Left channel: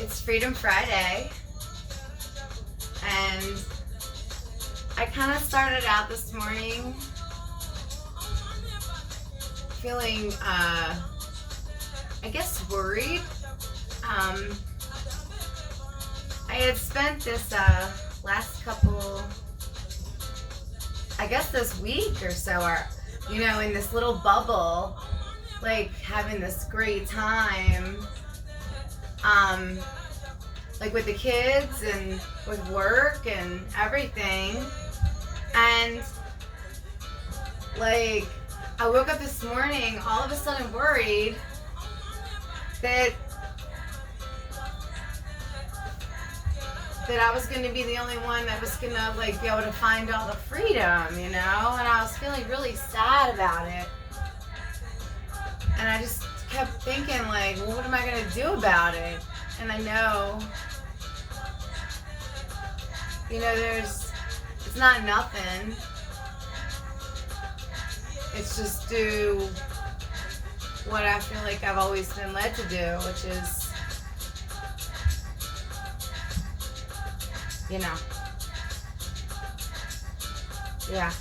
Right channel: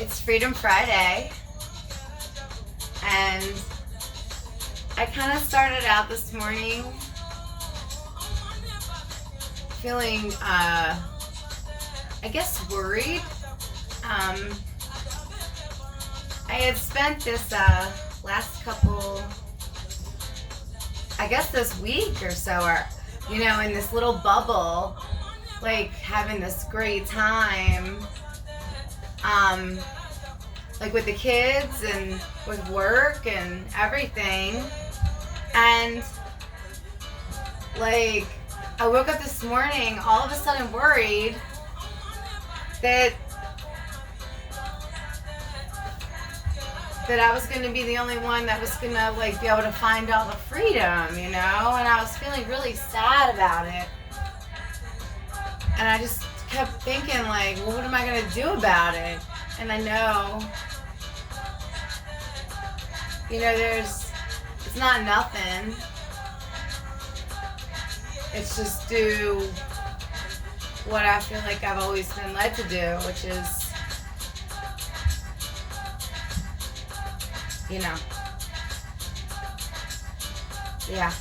It's Freedom Friday, and I kind of started out this morning feeling, I guess, worried. I had spent this last couple, I guess this week or so, or, you know, in this little bubble, like having this great time, like with the kids and with work and everything. And like I woke up this morning all of a sudden worried that I was going to be the only one that was going to like be able to find all the freedom, you know? And I was feeling really sad about it. And I just kept thinking like, well, what am I going to do about it? And I know, you know, it's not nothing. It's just do what I feel like I've always been led to do, which is, you know, yeah.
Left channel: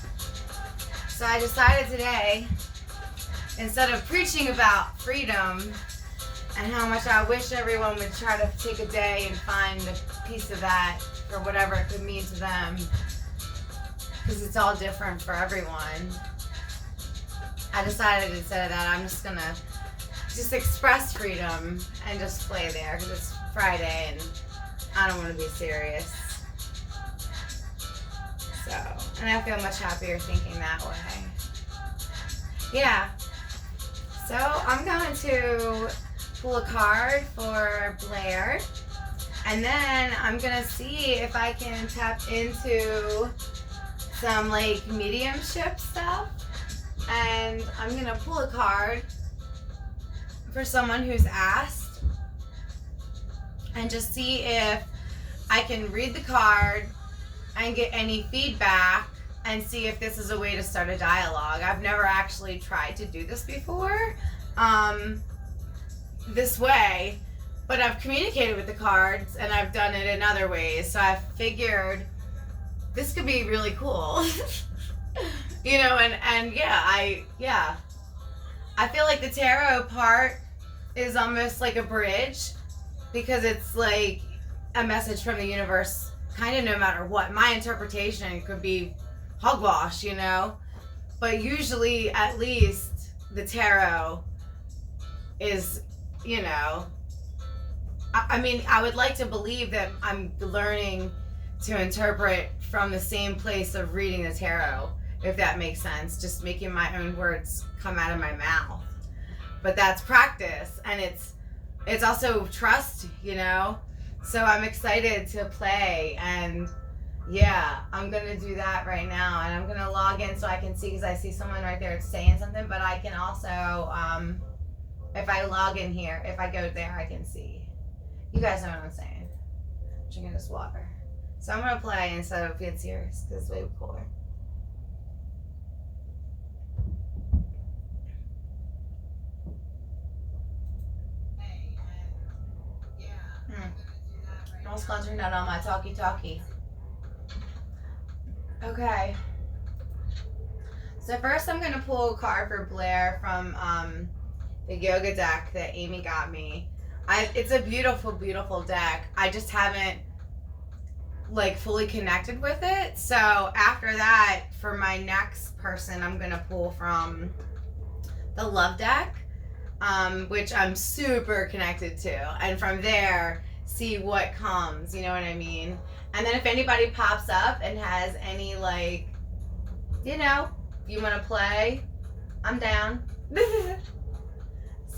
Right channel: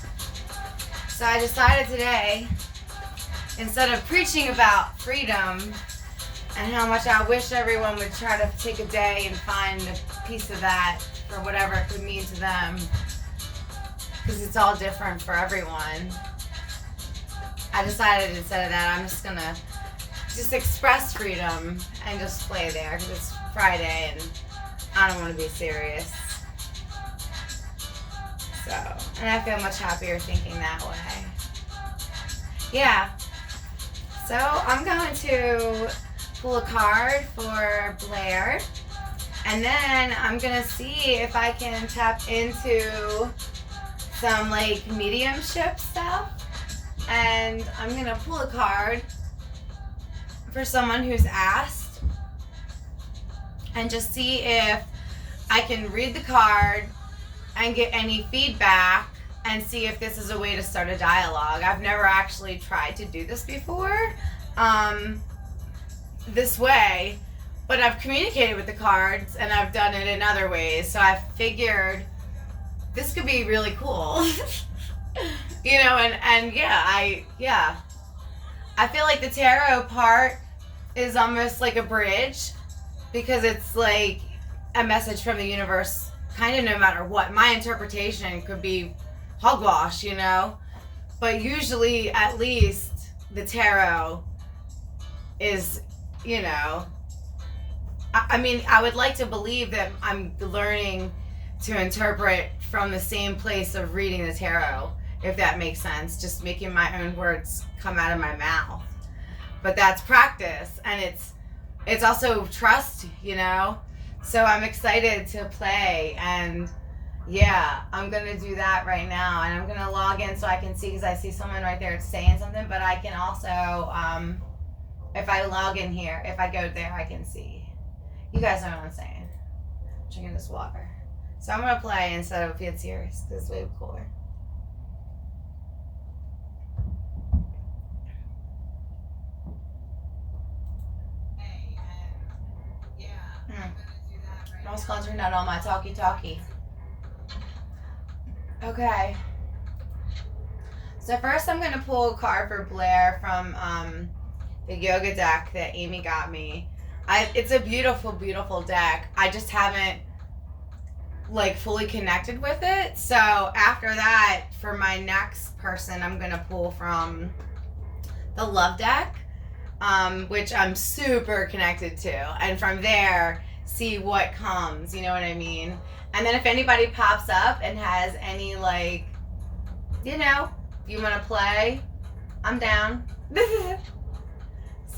So I decided today, instead of preaching about freedom and how much I wish everyone would try to take a day and find a piece of that for whatever it could mean to them, because it's all different for everyone, I decided instead of that, I'm just gonna just express freedom and just play there, because it's Friday and I don't want to be serious. So, and I feel much happier thinking that way. Yeah. So I'm going to pull a card for Blair, and then I'm gonna see if I can tap into some like mediumship stuff, and I'm gonna pull a card for someone who's asked and just see if I can read the card and get any feedback and see if this is a way to start a dialogue. I've never actually tried to do this before, this way, but I've communicated with the cards and I've done it in other ways. So I figured this could be really cool. You know, and yeah, I feel like the tarot part is almost like a bridge, because it's like a message from the universe, kind of no matter what. My interpretation could be hogwash, you know, but usually at least the tarot is, you know, I mean, I would like to believe that I'm learning to interpret from the same place of reading the tarot, if that makes sense, just making my own words come out of my mouth. But that's practice, and it's also trust, you know. So I'm excited to play, and yeah, I'm gonna do that right now, and I'm gonna log in so I can see, because I see someone right there saying something, but I can also, if I log in here, if I go there, I can see. You guys know what I'm saying. I'm drinking this water. So I'm gonna play instead of being serious, because it's way cooler. I was concentrating on my talkie. Okay. So first I'm going to pull a card for Blair from the yoga deck that Amy got me. It's a beautiful, beautiful deck. I just haven't like fully connected with it. So after that, for my next person, I'm going to pull from the love deck, which I'm super connected to. And from there, see what comes, you know what I mean? And then if anybody pops up and has any, like, you know, if you want to play, I'm down.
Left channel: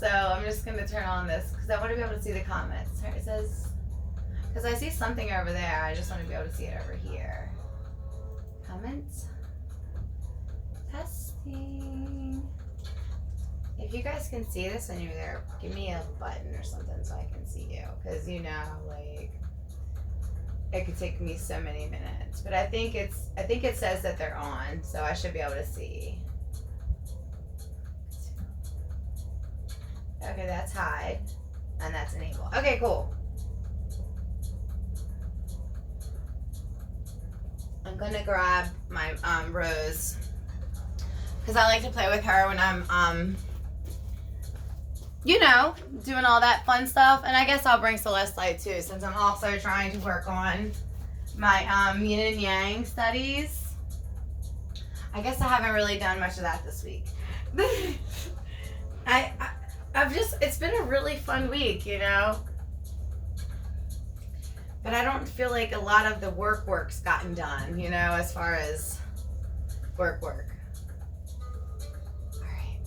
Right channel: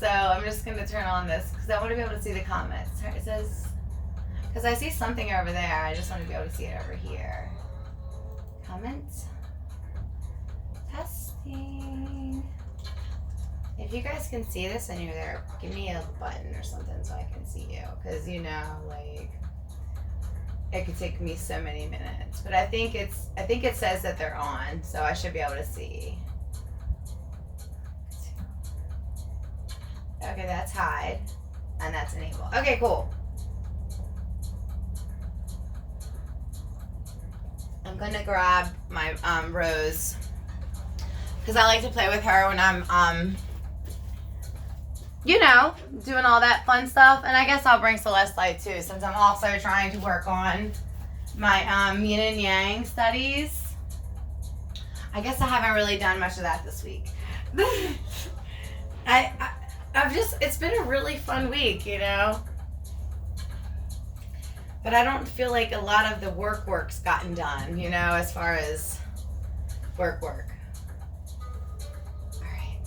So I'm just going to turn on this because I want to be able to see the comments. It says, because I see something over there, I just want to be able to see it over here. Comments. Testing. If you guys can see this and you're there, give me a button or something so I can see you. Because, you know, like, it could take me so many minutes. But I think it says that they're on, so I should be able to see. Okay, that's hide. And that's enable. Okay, cool. gonna grab my Rose, because I like to play with her when I'm you know, doing all that fun stuff. And I guess I'll bring Celeste too, since I'm also trying to work on my yin and yang studies. I guess I haven't really done much of that this week. I've just, it's been a really fun week, you know? But I don't feel like a lot of the work's gotten done, you know, as far as work. All right.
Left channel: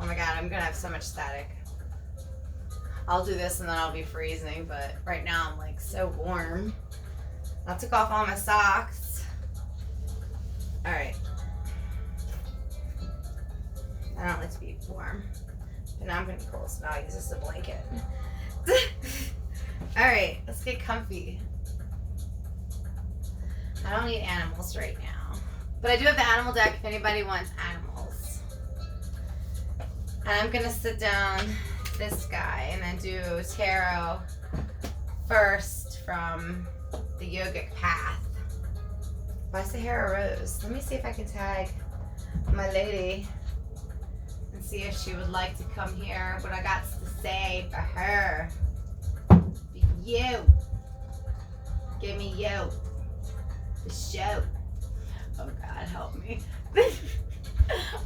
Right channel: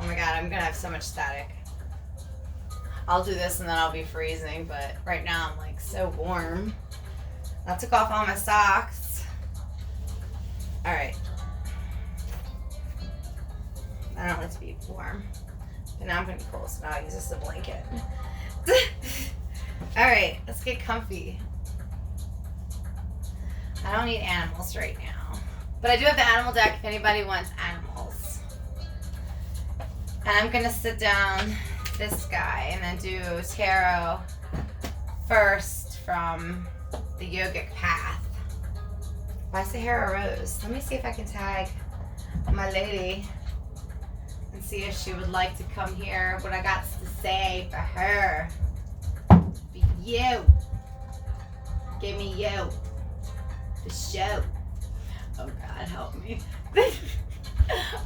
Oh my God, I'm gonna have so much static. I'll do this and then I'll be freezing, but right now I'm like so warm. I took off all my socks. All right. I don't like to be warm, but now I'm gonna be cold, so now I use this as a blanket. All right, let's get comfy. I don't need animals right now, but I do have the animal deck if anybody wants animals. And I'm gonna sit down this guy and then do tarot first from the yogic path. By Sahara Rose. Let me see if I can tag my lady and see if she would like to come here. What I got to say for her. You. Give me you. The show. Oh God, help me.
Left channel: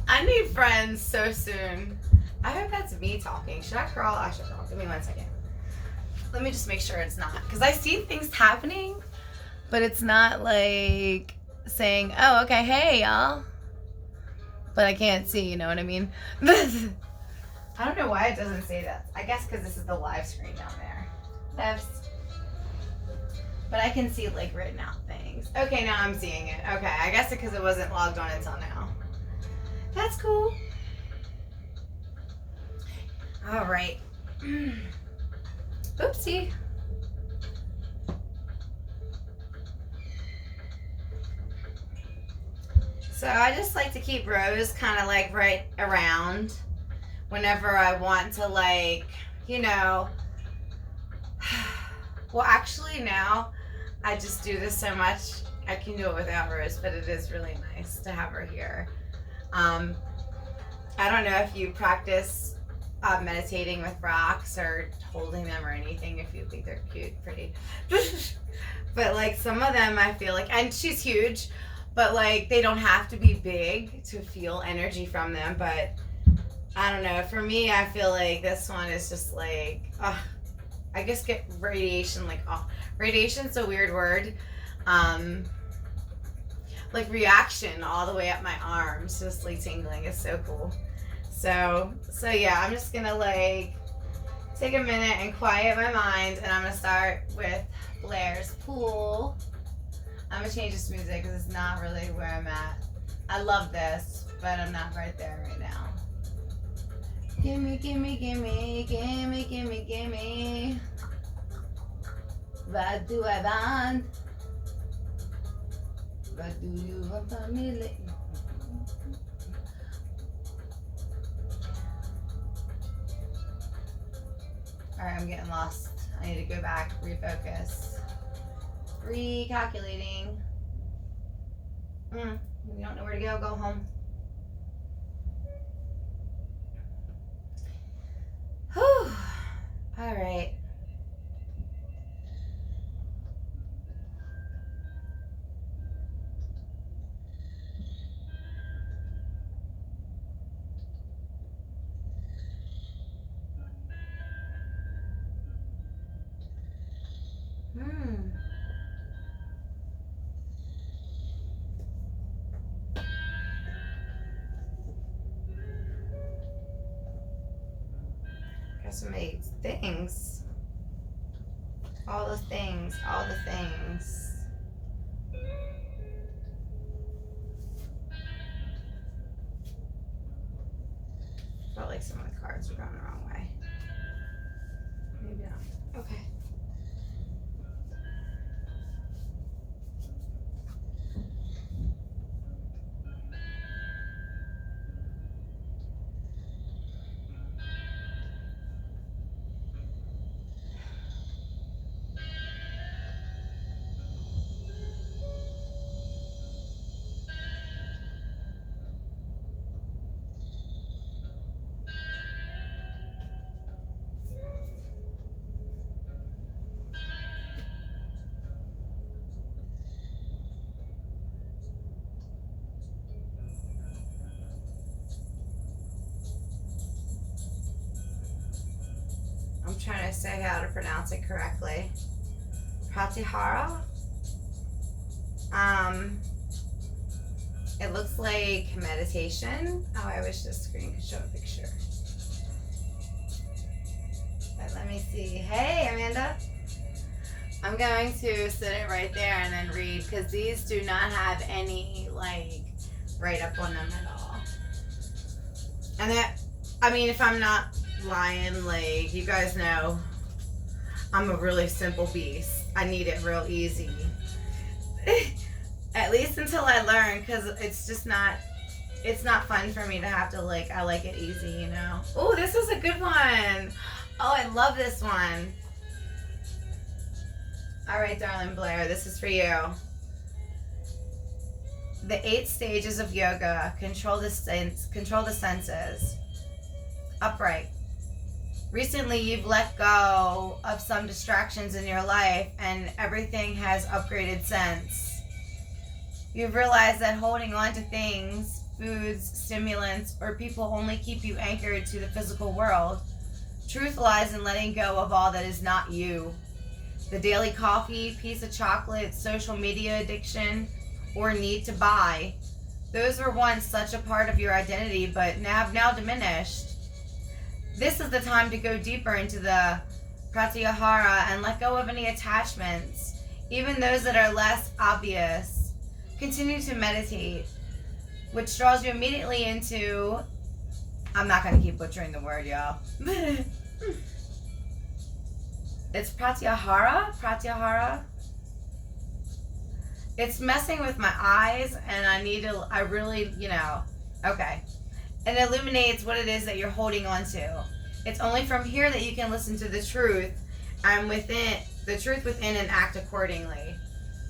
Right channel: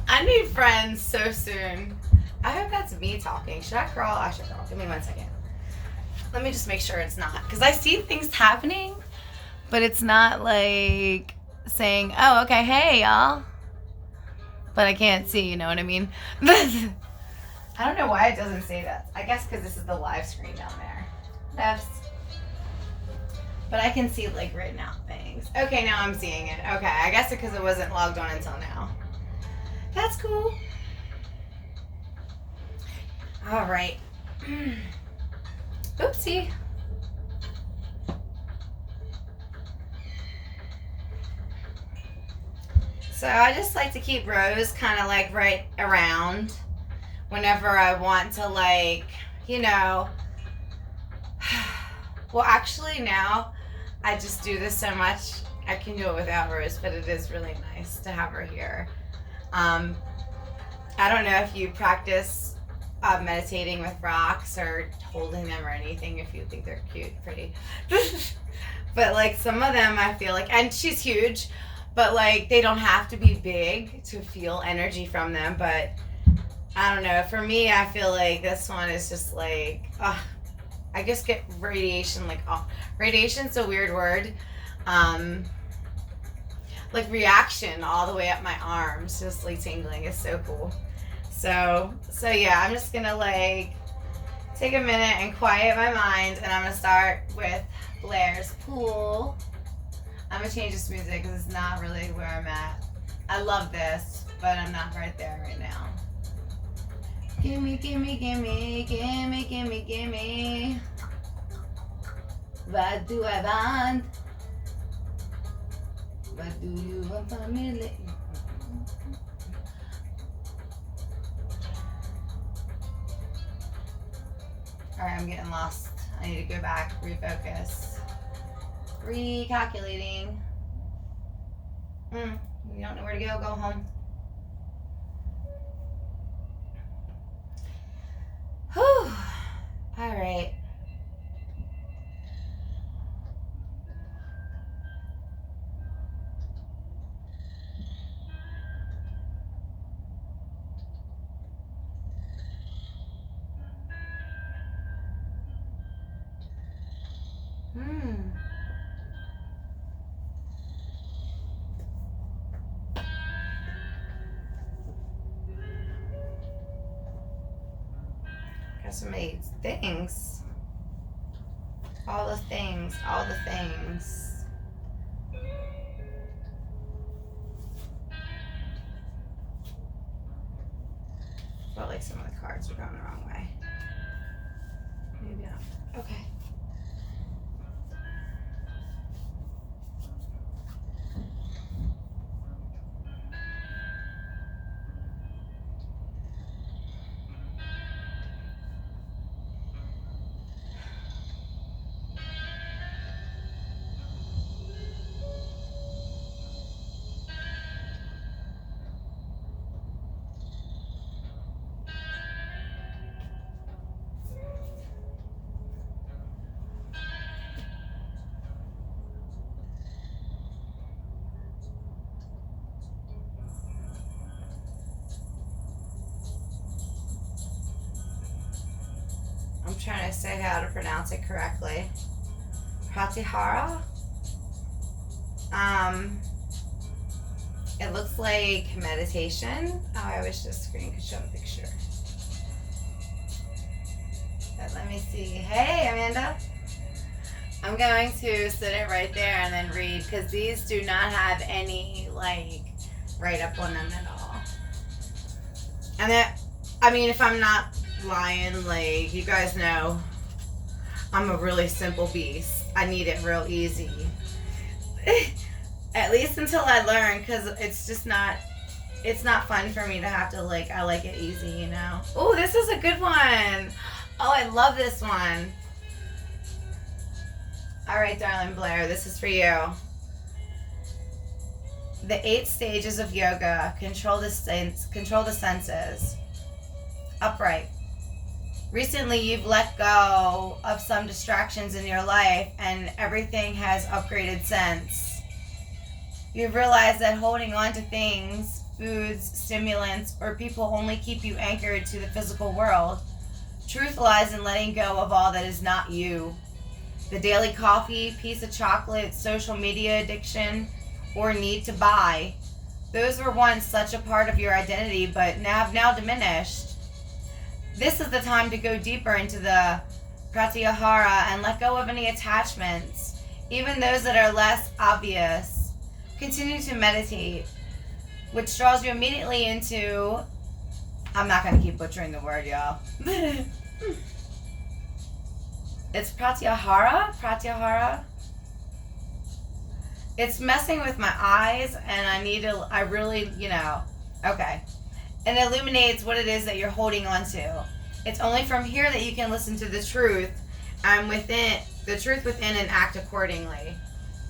I need friends so soon. I hope that's me talking. Should I crawl? I should crawl. Give me 1 second. Let me just make sure it's not. Because I see things happening, but it's not like saying, oh, okay, hey, y'all. But I can't see, you know what I mean? I don't know why it doesn't say that. I guess because this is the live screen down there. That's... But I can see like written out things. Okay, now I'm seeing it. Okay, I guess because it wasn't logged on until now. That's cool. All right. Oopsie. So I just like to keep Rose kind of like right around whenever I want to, like, you know. Well, actually now I just do this so much I can do it without Rose, but it is really nice to have her here. I don't know if you practice meditating with rocks or holding them or anything, if you think they're cute, pretty. But like some of them I feel like, and she's huge, but like they don't have to be big to feel energy from them. But I don't know, for me I feel like this one is just like, I guess get radiation, like, radiation's a weird word. Like reaction all the way up my arms, just like tingling. It's so cool. So yeah, I'm just gonna like take a minute and quiet my mind, and I'm gonna start with Blair's Pool. I'm gonna change this music because it's not really where I'm at. I love this, but I'm not right there right now. Gimme, gimme, gimme, gimme, gimme, gimme. What do I want? What do you want from me? Alright, I'm getting lost. I need to go back, refocus. Recalculating. You don't know where to go home. Whew. Alright. Got so many things. All the things, all the things. Felt like some of the cards were going the wrong way. Maybe not. Okay. say how to pronounce it correctly. Pratyahara. It looks like meditation. Oh, I wish this screen could show a picture. But let me see. Hey, Amanda. I'm going to sit it right there and then read, because these do not have any, like, write up on them at all. And that, I mean, if I'm not lying, like, you guys know, I'm a really simple beast. I need it real easy. At least until I learn, because it's just not, it's not fun for me to have to, like, I like it easy, you know? Oh, this is a good one. Oh, I love this one. All right, darling Blair, this is for you. The 8 stages of yoga. Control the senses. Upright. Recently, you've let go of some distractions in your life, and everything has upgraded sense. You've realized that holding on to things, foods, stimulants, or people only keep you anchored to the physical world. Truth lies in letting go of all that is not you. The daily coffee, piece of chocolate, social media addiction, or need to buy. Those were once such a part of your identity, but have now diminished. This is the time to go deeper into the pratyahara and let go of any attachments, even those that are less obvious. Continue to meditate, which draws you immediately into, I'm not going to keep butchering the word, y'all. It's pratyahara. It's messing with my eyes, and I really, okay. It illuminates what it is that you're holding on to. It's only from here that you can listen to the truth, and the truth within, and act accordingly.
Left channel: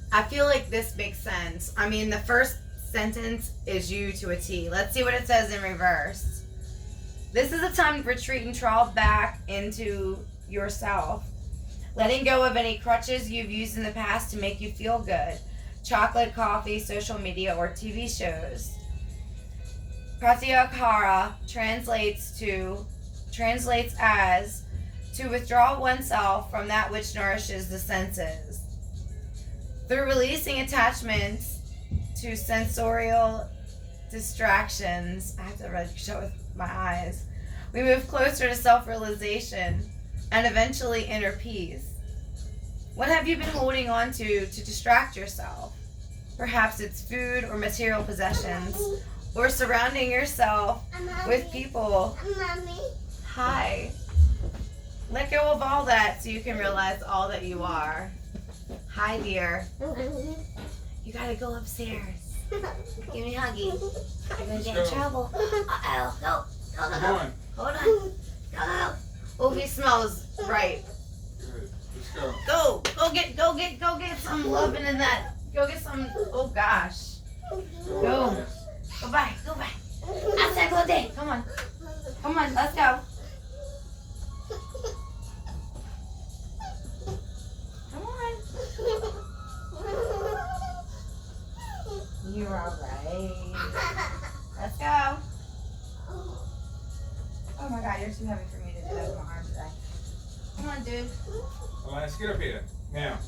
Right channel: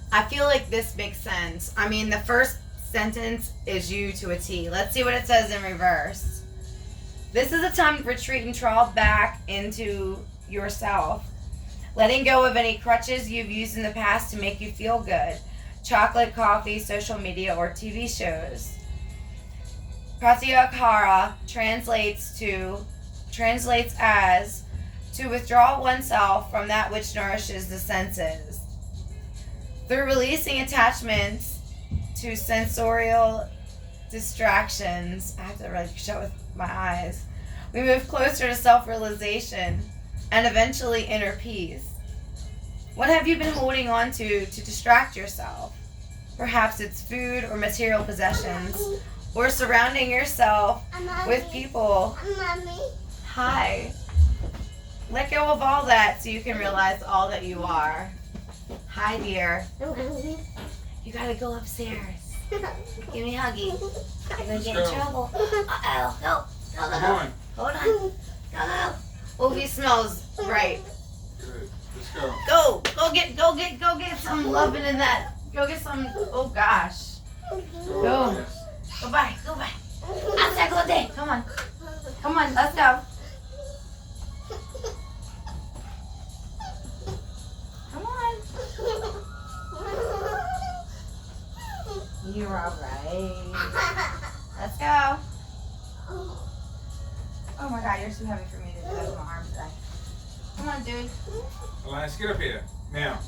I feel like this makes sense. I mean, the first sentence is you to a T. Let's see what it says in reverse. This is a time to retreat and trawl back into yourself. Letting go of any crutches you've used in the past to make you feel good. Chocolate, coffee, social media, or TV shows. Pratyahara translates as to withdraw oneself from that which nourishes the senses. Through releasing attachments to sensorial distractions, I have to really show with my eyes, we move closer to self-realization and eventually inner peace. What have you been holding on to distract yourself? Perhaps it's food or material possessions, or surrounding yourself with people. Hi. Let go of all that so you can realize all that you are. Hi, dear. You gotta go upstairs. Give me a huggy. You're gonna get in trouble. Uh-oh. No. Come on. Hold on. No. Oh, he smells right. Good. Let's go. Go get some loving in that. Go get some. Oh gosh. Go. Go by. I said go there. Come on. Let's go. Come on. You're all right. Let's go. Oh my God, you're too heavy for me to do that with my arms today. Come on, dude. Alliance, get up here. Now.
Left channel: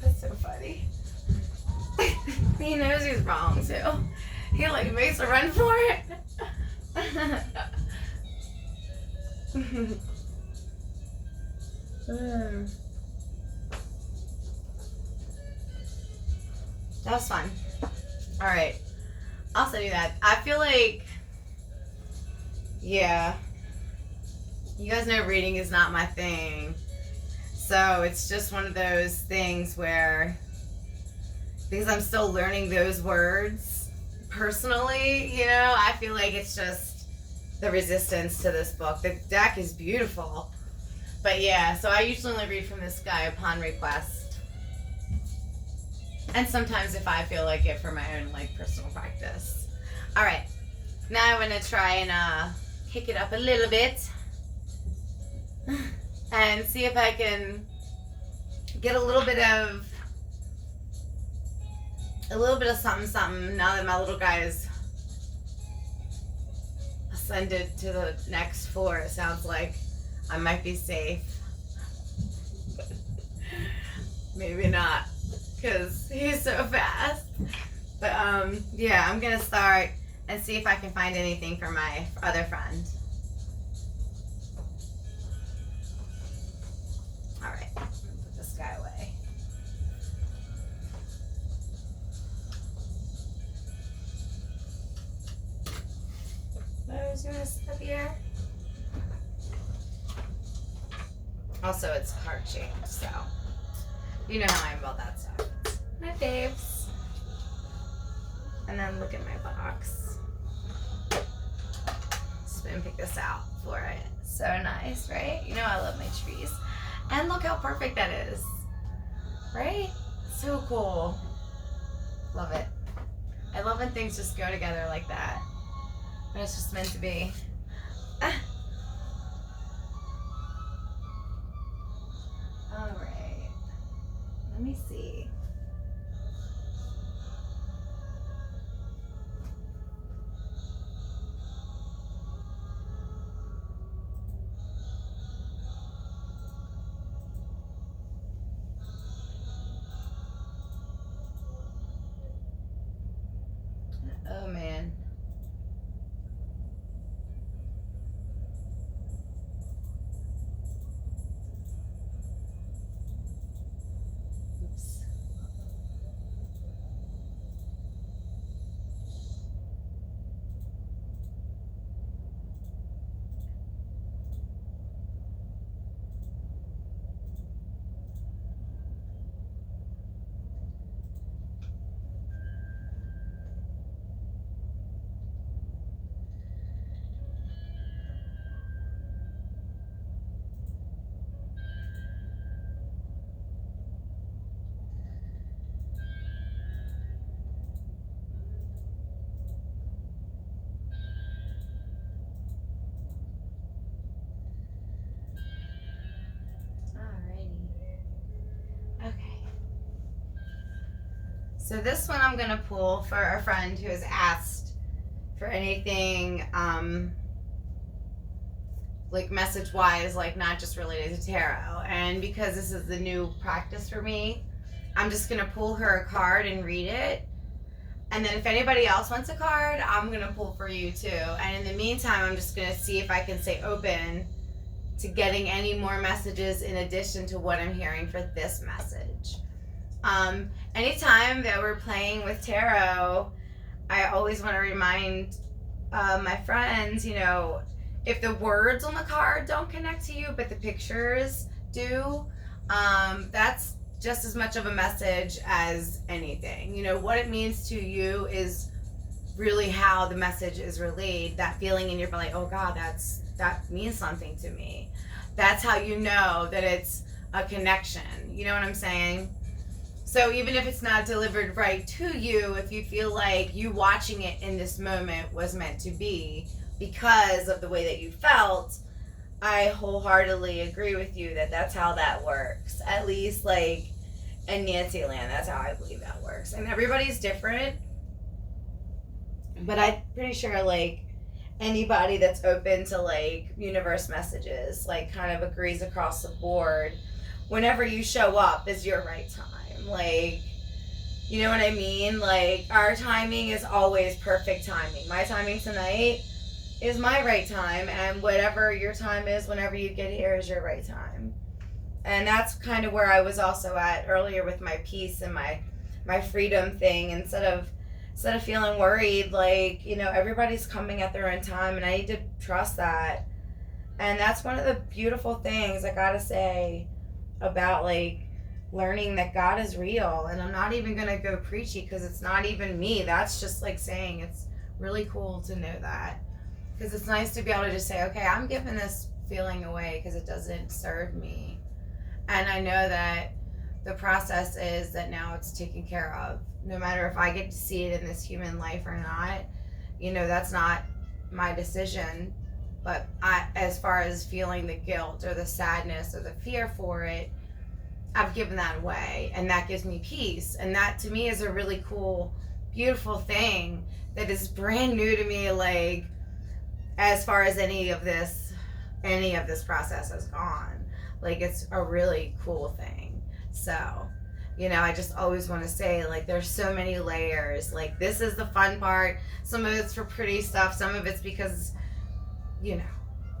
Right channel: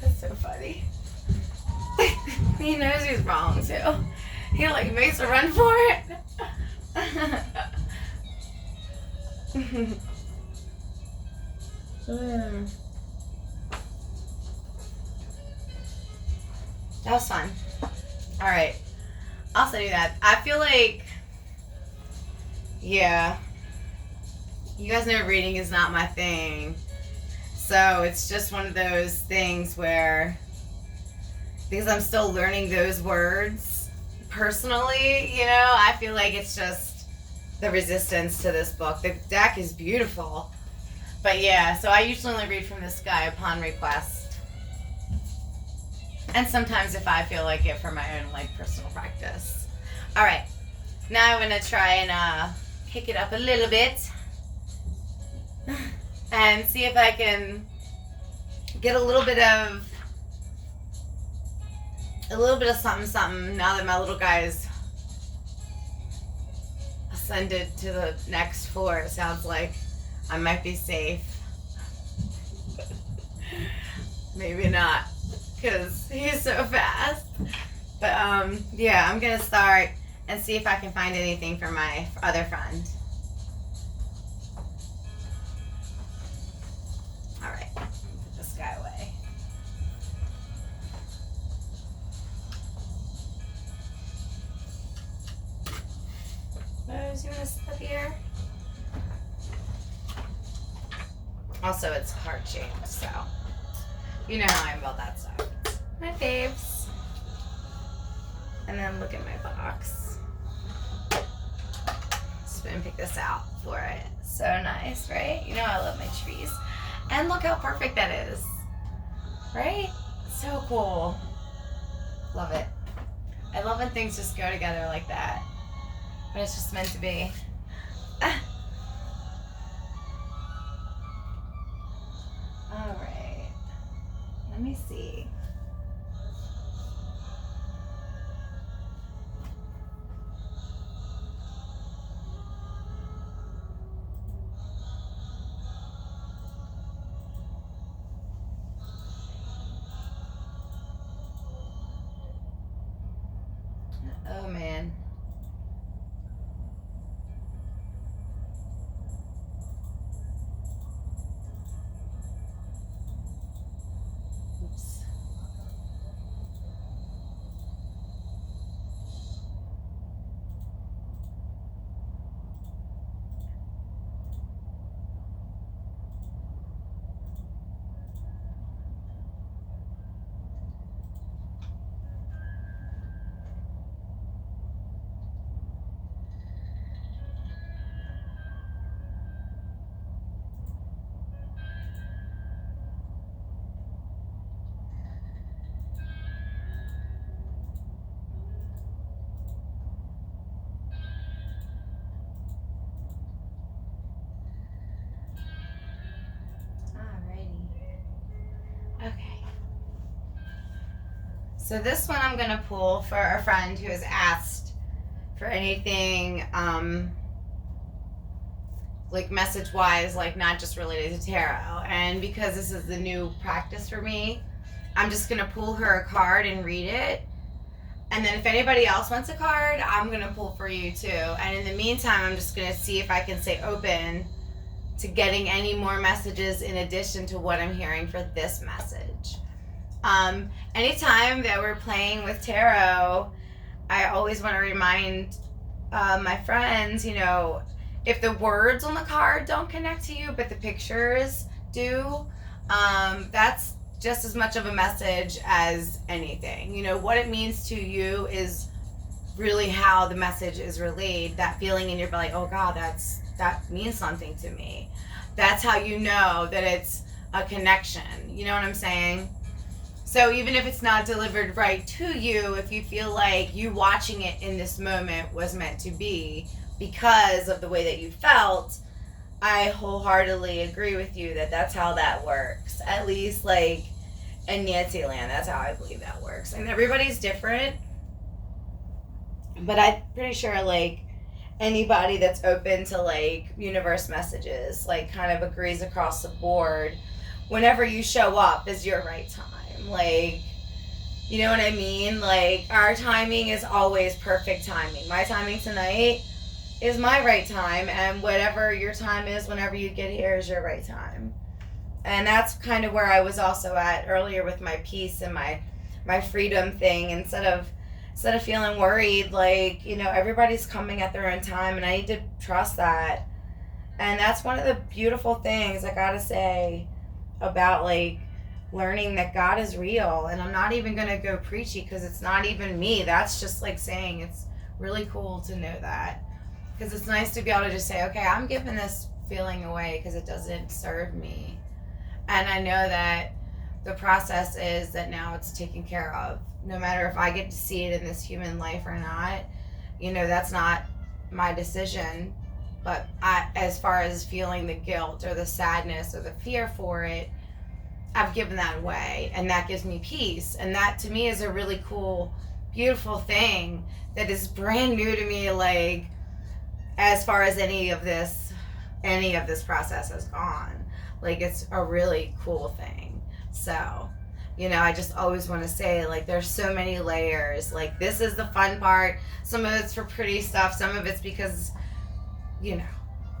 That's so funny. He knows he's wrong too. He like makes a run for it. That was fun. All right, I'll also do that. I feel like, yeah, you guys know reading is not my thing, so it's just one of those things where, because I'm still learning those words personally, I feel like it's just the resistance to this book. The deck is beautiful, but yeah, so I usually only read from this guy upon request. And sometimes if I feel like it for my own personal practice. All right, now I'm gonna try and kick it up a little bit. and see if I can get a little bit of something now that my little guy is ascended to the next floor. It sounds like I might be safe. Maybe not, because he's so fast. But yeah, I'm gonna start and see if I can find anything for my other friend. All right, put this guy away. Rose, you wanna sit up here? Also, it's heart-shaped, so you know how I am about that stuff. My faves. And then look at my box. Just gonna pick this out for it. So nice, right? You know I love my trees. And look how perfect that is. Right? So cool. Love it. I love when things just go together like that. But it's just meant to be. All right. Let me see. Oh man. Oops. Okay. So this one I'm gonna pull for a friend who has asked for anything, like message-wise, like not just related to tarot. And because this is the new practice for me, I'm just gonna pull her a card and read it. And then if anybody else wants a card, I'm gonna pull for you too. And in the meantime, I'm just gonna see if I can stay open to getting any more messages in addition to what I'm hearing for this message. Anytime that we're playing with tarot, I always want to remind my friends, you know, if the words on the card don't connect to you, but the pictures do, that's just as much of a message as anything. You know, what it means to you is really how the message is relayed. That feeling in your belly, oh God, that means something to me. That's how you know that it's a connection. You know what I'm saying? So even if it's not delivered right to you, if you feel like you watching it in this moment was meant to be because of the way that you felt, I wholeheartedly agree with you that that's how that works. At least like in Nancy land, that's how I believe that works. And everybody's different, but I'm pretty sure like anybody that's open to like universe messages, like kind of agrees across the board, whenever you show up is your right time. Like, you know what I mean? Like, our timing is always perfect timing. My timing tonight is my right time, and whatever your time is whenever you get here is your right time. And that's kind of where I was also at earlier with my peace and my freedom thing. Instead of feeling worried, like, you know, everybody's coming at their own time, and I need to trust that. And that's one of the beautiful things I gotta say about like learning that God is real. And I'm not even gonna go preachy because it's not even me. That's just like saying it's really cool to know that, because it's nice to be able to just say, okay, I'm giving this feeling away because it doesn't serve me. And I know that the process is that now it's taken care of. No matter if I get to see it in this human life or not, you know, that's not my decision. But as far as feeling the guilt or the sadness or the fear for it, I've given that away, and that gives me peace. And that to me is a really cool, beautiful thing that is brand new to me, like as far as any of this process has gone. Like, it's a really cool thing. So, I just always want to say, like, there's so many layers. Like, this is the fun part. Some of it's for pretty stuff. Some of it's because,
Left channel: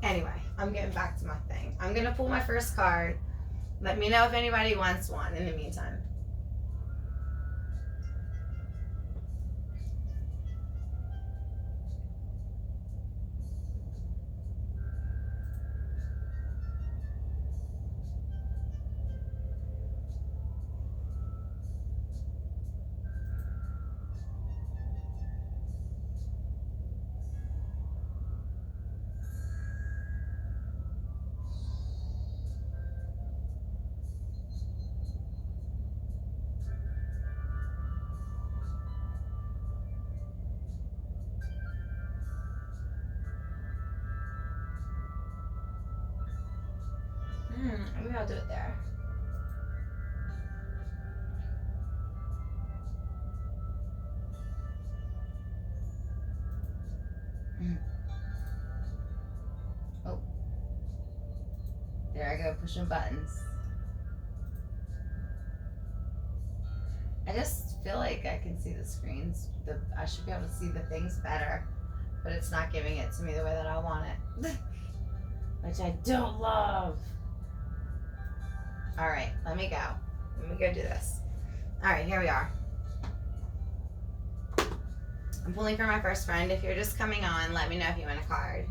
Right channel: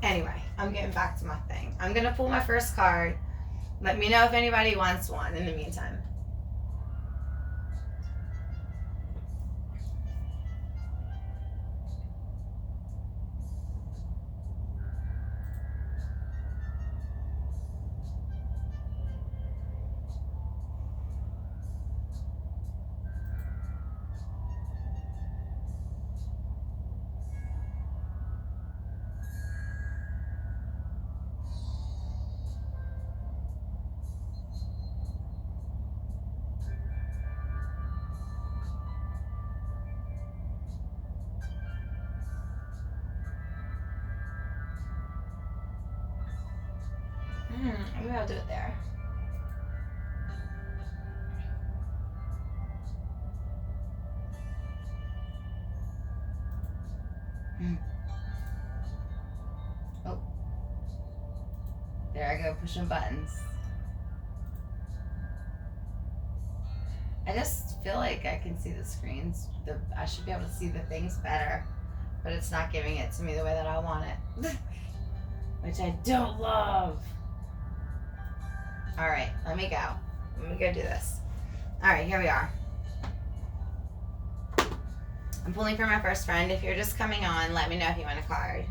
Anyway, I'm getting back to my thing. I'm going to pull my first card. Let me know if anybody wants one in the meantime. Maybe I'll do it there. Oh. There I go, pushing buttons. I just feel like I can see the screens. I should be able to see the things better, but it's not giving it to me the way that I want it, which I don't love. All right, let me go. Let me go do this. All right, here we are. I'm pulling for my first friend. If you're just coming on, let me know if you want a card.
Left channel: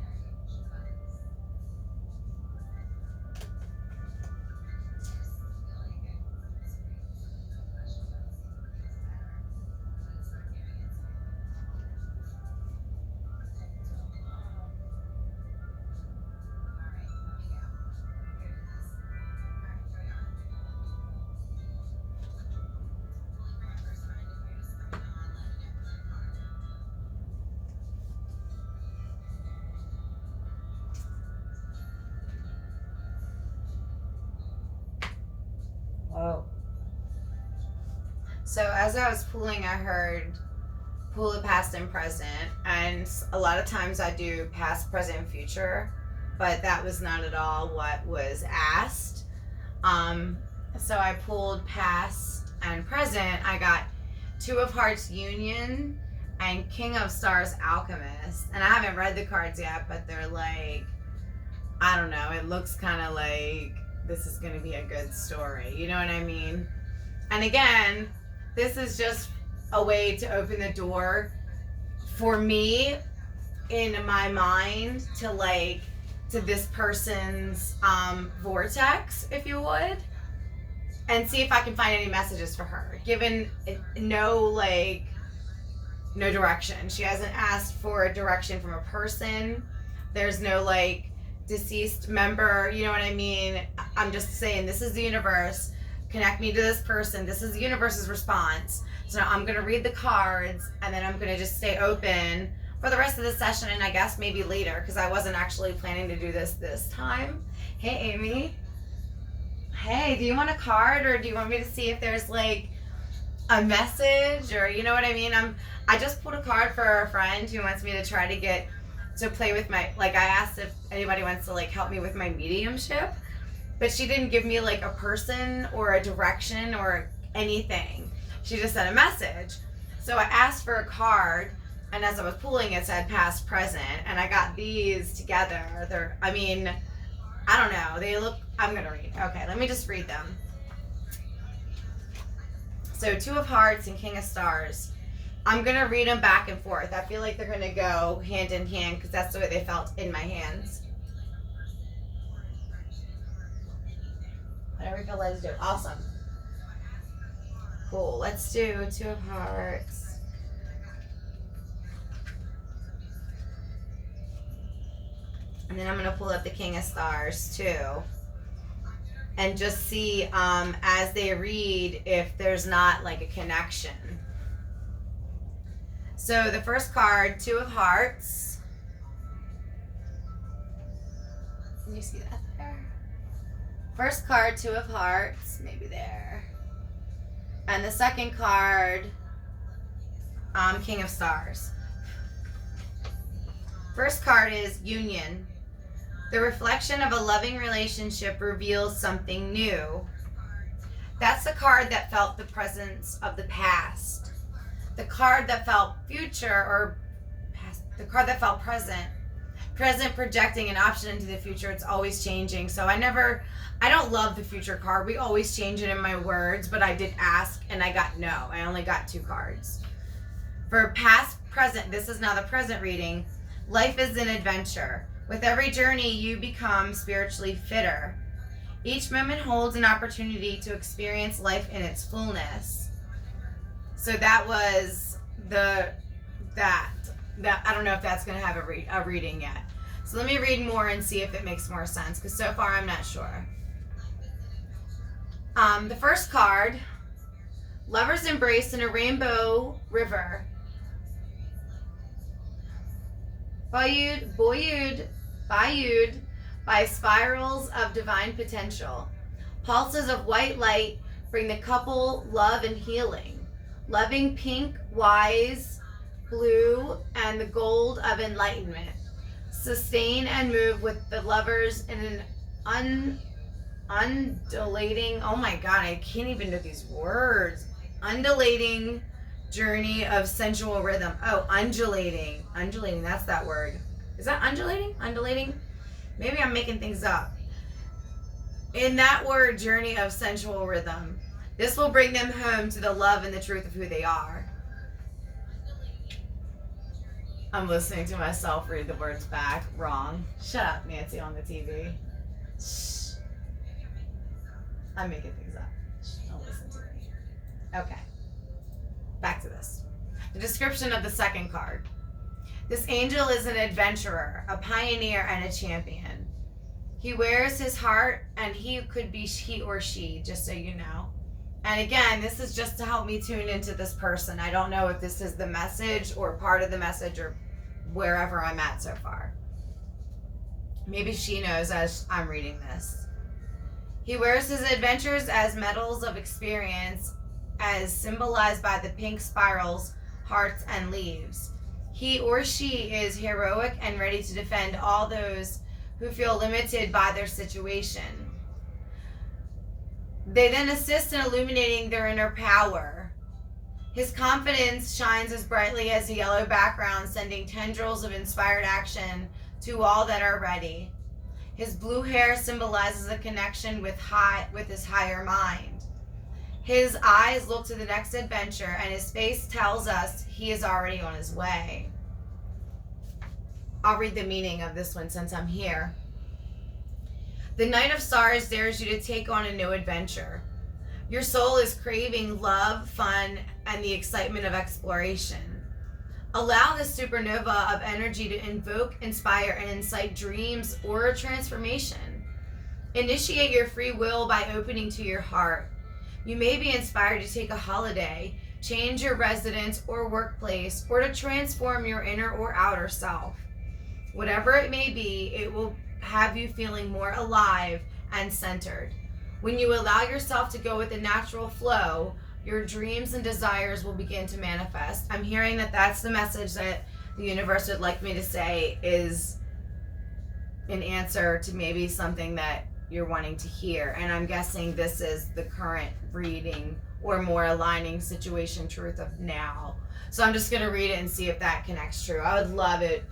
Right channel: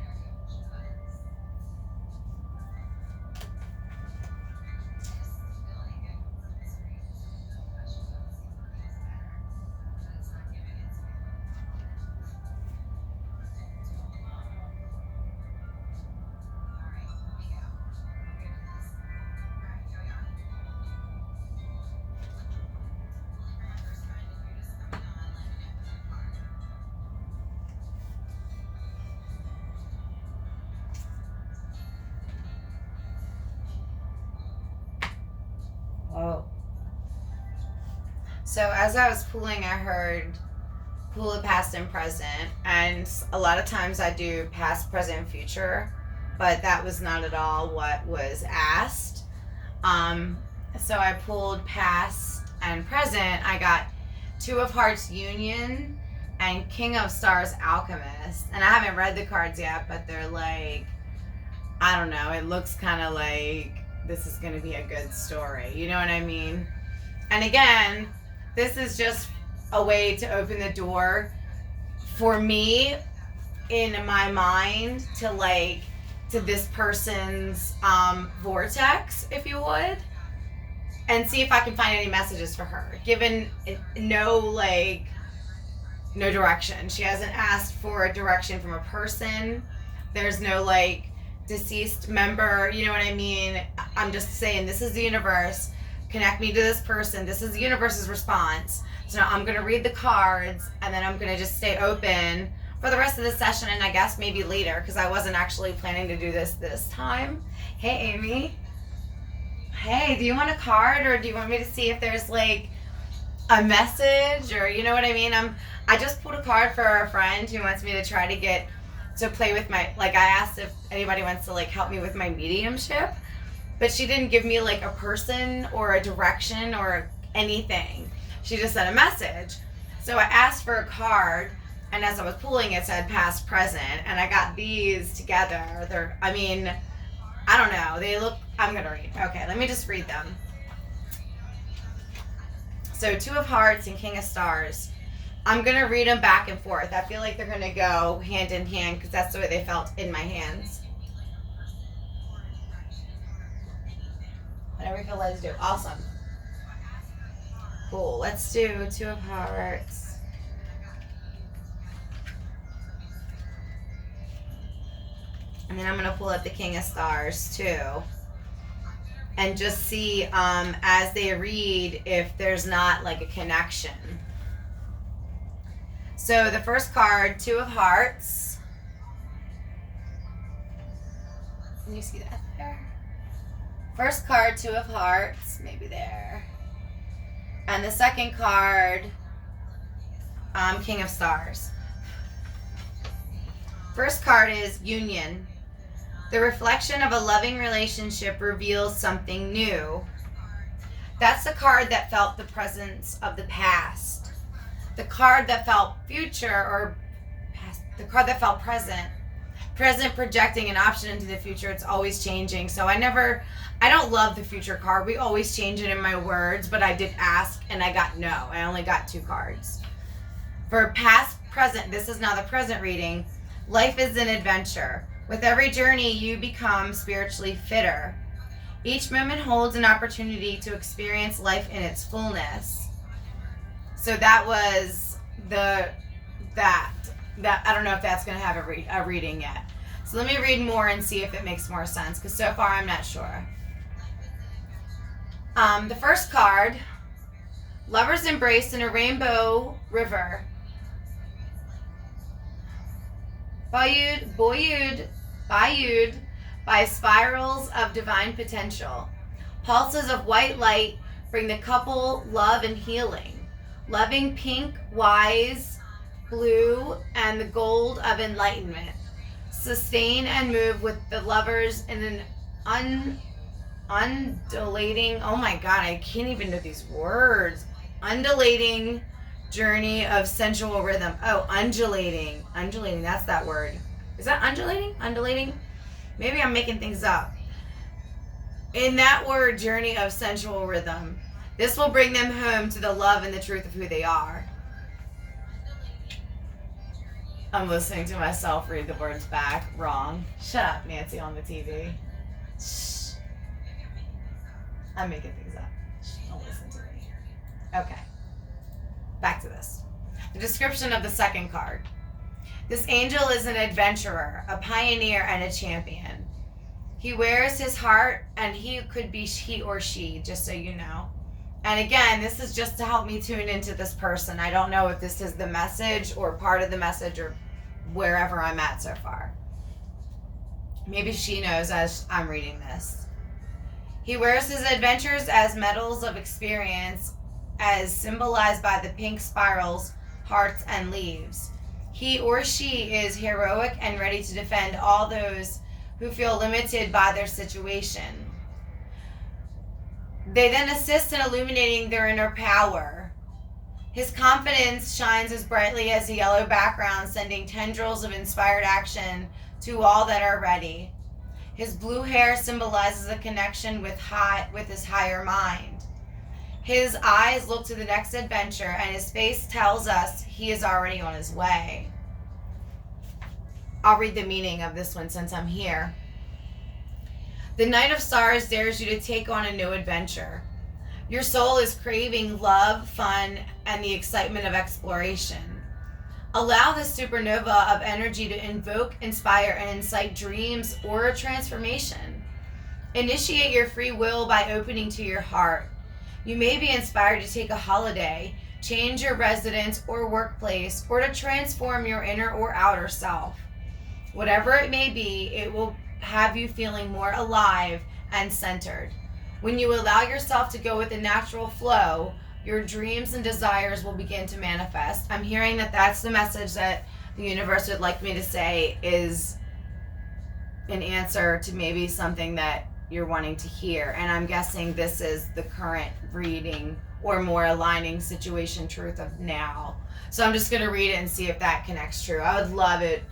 Whoa. So as I was pulling, I heard pull the past and present, and a lot of times I do past, present, future, but that was not at all what was asked. So I pulled past and present. I got Two of Hearts Union and King of Stars Alchemist, and I haven't read the cards yet, but they're like, I don't know, it looks kind of like this is going to be a good story. You know what I mean? And again, this is just a way to open the door for me in my mind to this person's vortex, if you would, and see if I can find any messages for her, given no direction. She hasn't asked for a direction from a person. There's no deceased member, you know what I mean? I'm just saying, this is the universe. Connect me to this person. This is the universe's response. So now I'm going to read the cards, and then I'm going to just stay open for the rest of the session, and I guess maybe later, because I wasn't actually planning to do this time. Hey, Amy. Hey, do you want a card, or do you want me to see if there's a message, or you know what I mean? I just pulled a card for a friend who wants me to try to get to play with my, I asked if anybody wants to help me with my mediumship, but she didn't give me a person or a direction or anything. She just sent a message. So I asked for a card, and as I was pulling, it said past, present, and I got these together. I don't know. They look, I'm going to read. Okay, let me just read them. So Two of Hearts and King of Stars. I'm going to read them back and forth. I feel like they're going to go hand in hand because that's the way they felt in my hands. Whatever you feel led to do. Awesome. Cool. Let's do Two of Hearts. And then I'm going to pull up the King of Stars too. And just see as they read if there's not a connection. So the first card, Two of Hearts. Can you see that there? First card, Two of Hearts, maybe there. And the second card, King of Stars. First card is Union. The reflection of a loving relationship reveals something new. That's the card that felt the presence of the past. The card that felt future, or past, the card that felt present. Present projecting an option into the future. It's always changing. So I don't love the future card. We always change it in my words, but I did ask and I got no. I only got 2 cards. For past, present, this is now the present reading. Life is an adventure. With every journey, you become spiritually fitter. Each moment holds an opportunity to experience life in its fullness. So that was that I don't know if that's going to have a reading yet. So let me read more and see if it makes more sense, because so far I'm not sure. The first card, lovers embraced in a rainbow river. Buoyed by spirals of divine potential. Pulses of white light bring the couple love and healing. Loving pink, wise, blue, and the gold of enlightenment. Sustain and move with the lovers in an undulating, oh my God, I can't even know these words. Undulating journey of sensual rhythm. Oh, undulating, that's that word. Is that undulating? Maybe I'm making things up. In that word, journey of sensual rhythm, this will bring them home to the love and the truth of who they are. I'm listening to myself read the words back wrong. Shut up, Nancy, on the TV. Shh. I'm making things up. Shh, don't listen to me. Okay. Back to this. The description of the second card. This angel is an adventurer, a pioneer, and a champion. He wears his heart, and he could be he or she, just so you know. And again, this is just to help me tune into this person. I don't know if this is the message or part of the message or wherever I'm at so far. Maybe she knows as I'm reading this. He wears his adventures as medals of experience, as symbolized by the pink spirals, hearts, and leaves. He or she is heroic and ready to defend all those who feel limited by their situation. They then assist in illuminating their inner power. His confidence shines as brightly as a yellow background, sending tendrils of inspired action to all that are ready. His blue hair symbolizes a connection with his higher mind. His eyes look to the next adventure, and his face tells us he is already on his way. I'll read the meaning of this one since I'm here. The Knight of Stars dares you to take on a new adventure. Your soul is craving love, fun, and the excitement of exploration. Allow the supernova of energy to invoke, inspire, and incite dreams or a transformation. Initiate your free will by opening to your heart. You may be inspired to take a holiday, change your residence or workplace, or to transform your inner or outer self. Whatever it may be, it will have you feeling more alive and centered. When you allow yourself to go with the natural flow, your dreams and desires will begin to manifest. I'm hearing that that's the message that the universe would like me to say is an answer to maybe something that you're wanting to hear. And I'm guessing this is the current reading or more aligning situation truth of now. So I'm just going to read it and see if that connects true. I would love it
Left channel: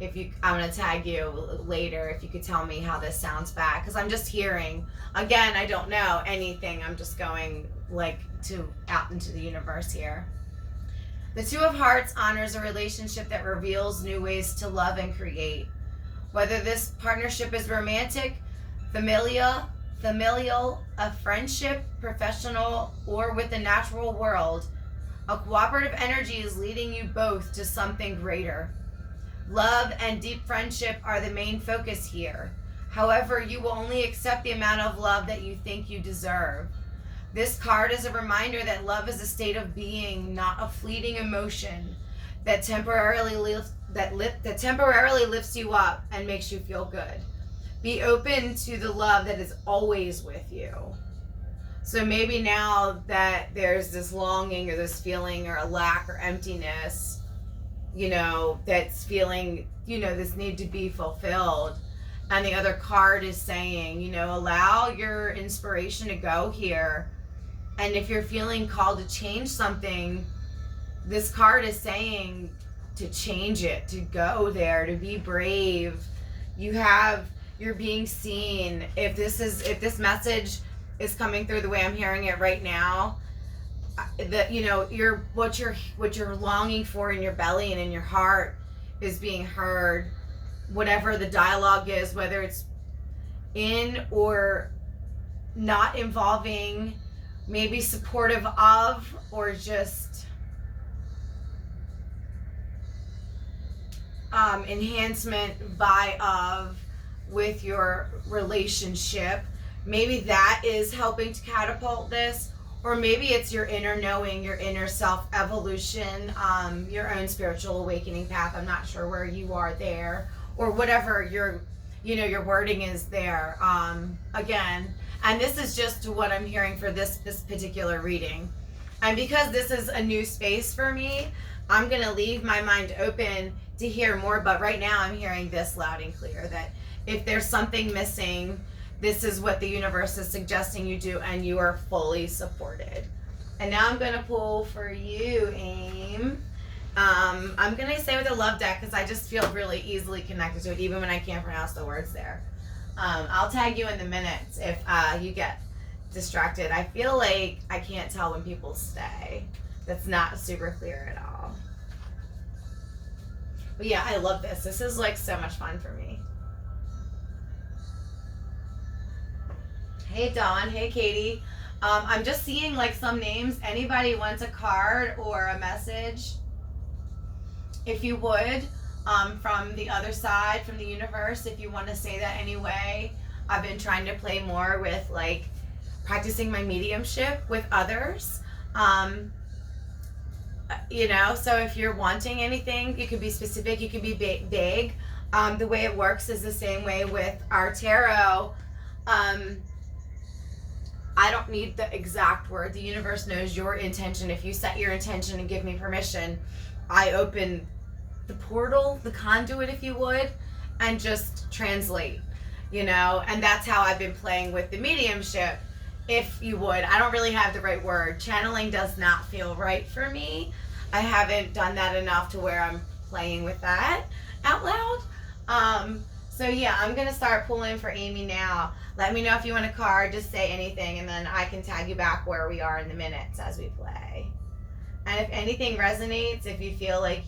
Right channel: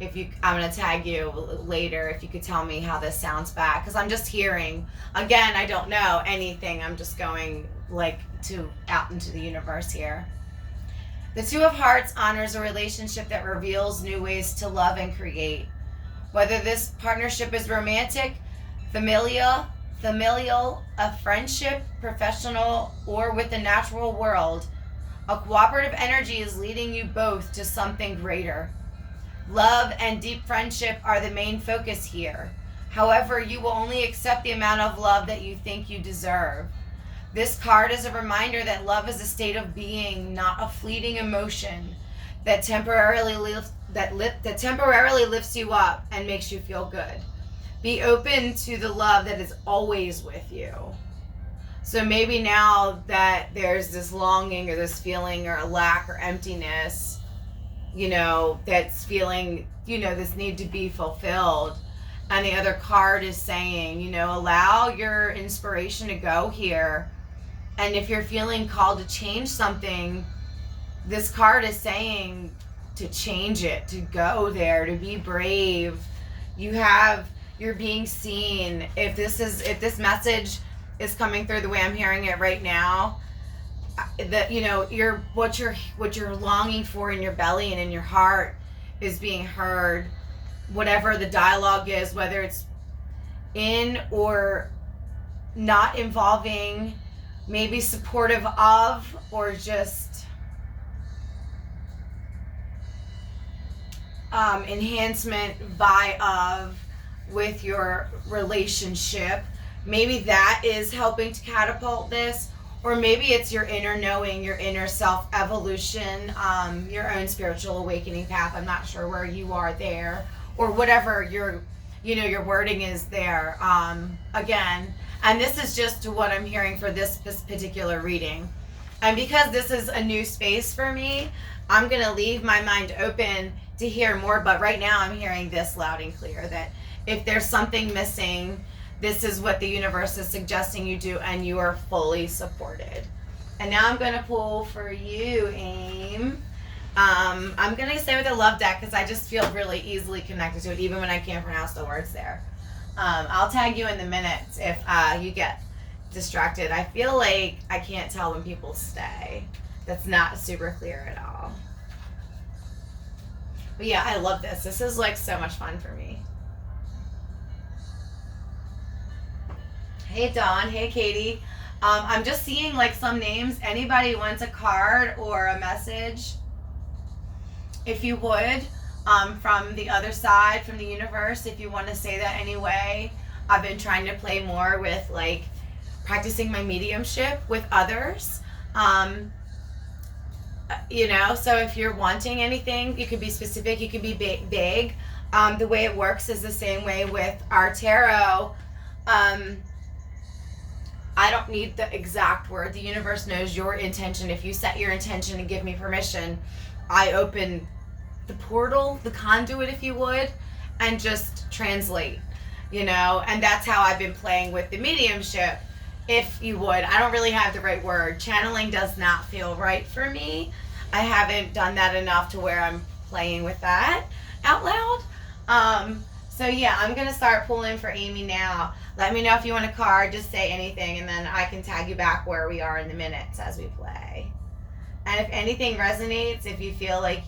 if you, I'm going to tag you later if you could tell me how this sounds back, because I'm just hearing, again, I don't know anything. I'm just going out into the universe here. The Two of Hearts honors a relationship that reveals new ways to love and create. Whether this partnership is romantic, familial, a friendship, professional, or with the natural world, a cooperative energy is leading you both to something greater. Love and deep friendship are the main focus here. However, you will only accept the amount of love that you think you deserve. This card is a reminder that love is a state of being, not a fleeting emotion that temporarily lifts you up and makes you feel good. Be open to the love that is always with you. So maybe now that there's this longing or this feeling or a lack or emptiness, you know, that's feeling, you know, this need to be fulfilled. And the other card is saying, you know, allow your inspiration to go here. And if you're feeling called to change something, this card is saying to change it, to go there, to be brave. You're being seen. If this message is coming through the way I'm hearing it right now, that, you know, what you're longing for in your belly and in your heart is being heard. Whatever the dialogue is, whether it's in or not involving, maybe supportive of, or just enhancement by of with your relationship. Maybe that is helping to catapult this, or maybe it's your inner knowing, your inner self evolution, your own spiritual awakening path. I'm not sure where you are there, or whatever your wording is there. Again, and this is just what I'm hearing for this particular reading. And because this is a new space for me, I'm going to leave my mind open to hear more. But right now I'm hearing this loud and clear, that if there's something missing, this is what the universe is suggesting you do, and you are fully supported. And now I'm going to pull for you, AIM. I'm going to stay with the love deck because I just feel really easily connected to it, even when I can't pronounce the words there. I'll tag you in the minutes if you get distracted. I feel like I can't tell when people stay. That's not super clear at all. But yeah, I love this. This is like so much fun for me. Hey Dawn, hey Katie. I'm just seeing like some names. Anybody wants a card or a message? If you would, from the other side, from the universe, if you want to say that anyway. I've been trying to play more with like practicing my mediumship with others. You know, so if you're wanting anything, you can be specific, you can be vague. The way it works is the same way with our tarot. I don't need the exact word. The universe knows your intention. If you set your intention and give me permission, I open the portal, the conduit, if you would, and just translate, you know. And that's how I've been playing with the mediumship, if you would. I don't really have the right word. Channeling does not feel right for me. I haven't done that enough to where I'm playing with that out loud. So yeah, I'm going to start pulling for Amy now. Let me know if you want a card. Just say anything, and then I can tag you back where we are in the minutes as we play. And if anything resonates, if you feel like,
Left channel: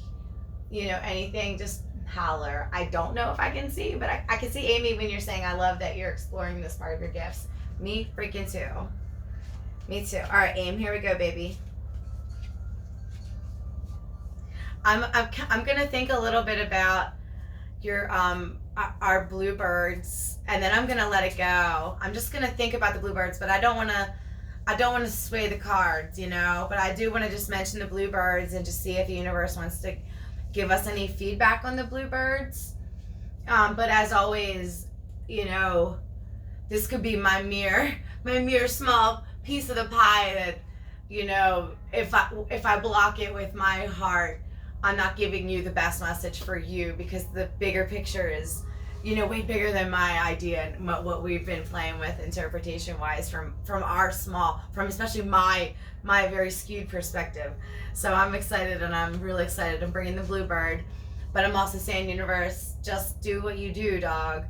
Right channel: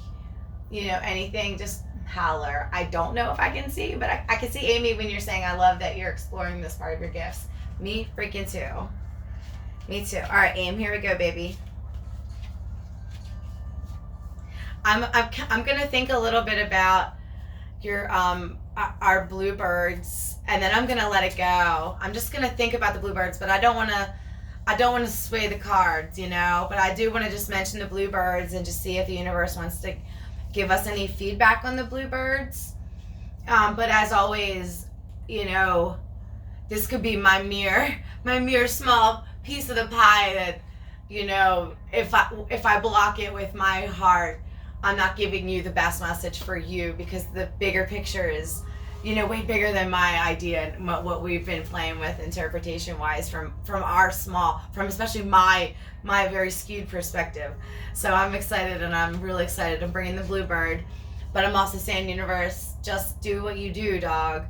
you know, anything, just holler. I don't know if I can see, but I can see Amy when you're saying, I love that you're exploring this part of your gifts. Me freaking too. Me too. All right, Aim, here we go, baby. I'm going to think a little bit about your our bluebirds, and then I'm going to let it go. I'm just going to think about the bluebirds, but I don't want to sway the cards, you know, but I do want to just mention the bluebirds and just see if the universe wants to give us any feedback on the bluebirds. But as always, you know, this could be my mere small piece of the pie that, you know, if I block it with my heart, I'm not giving you the best message for you, because the bigger picture is, you know, way bigger than my idea and what we've been playing with interpretation wise from especially my very skewed perspective. So I'm excited, and I'm really excited. I'm bringing the bluebird, but I'm also saying, universe, just do what you do, dog.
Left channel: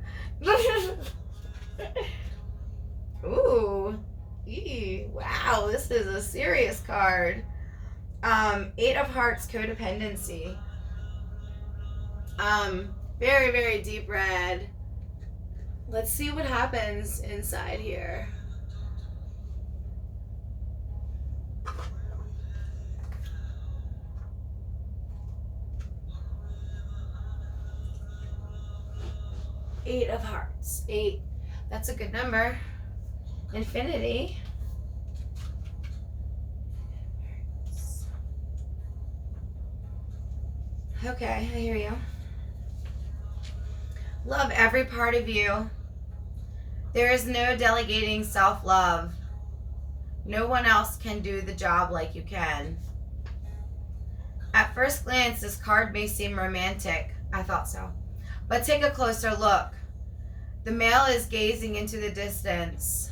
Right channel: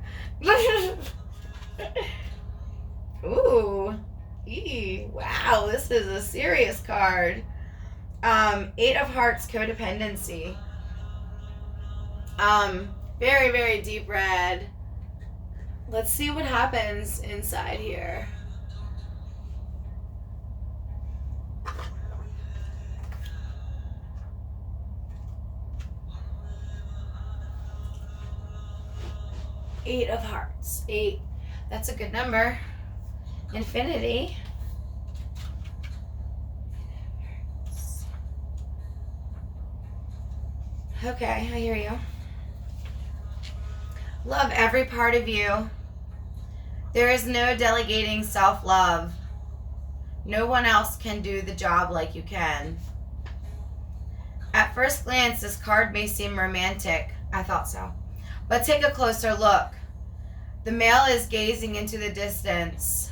Ooh, wow, this is a serious card. 8 of Hearts, codependency. Very, very deep red. Let's see what happens inside here. Eight of Hearts. 8. That's a good number. Infinity. Okay, I hear you. Love every part of you. There is no delegating self-love. No one else can do the job like you can. At first glance, this card may seem romantic. I thought so. But take a closer look. The male is gazing into the distance.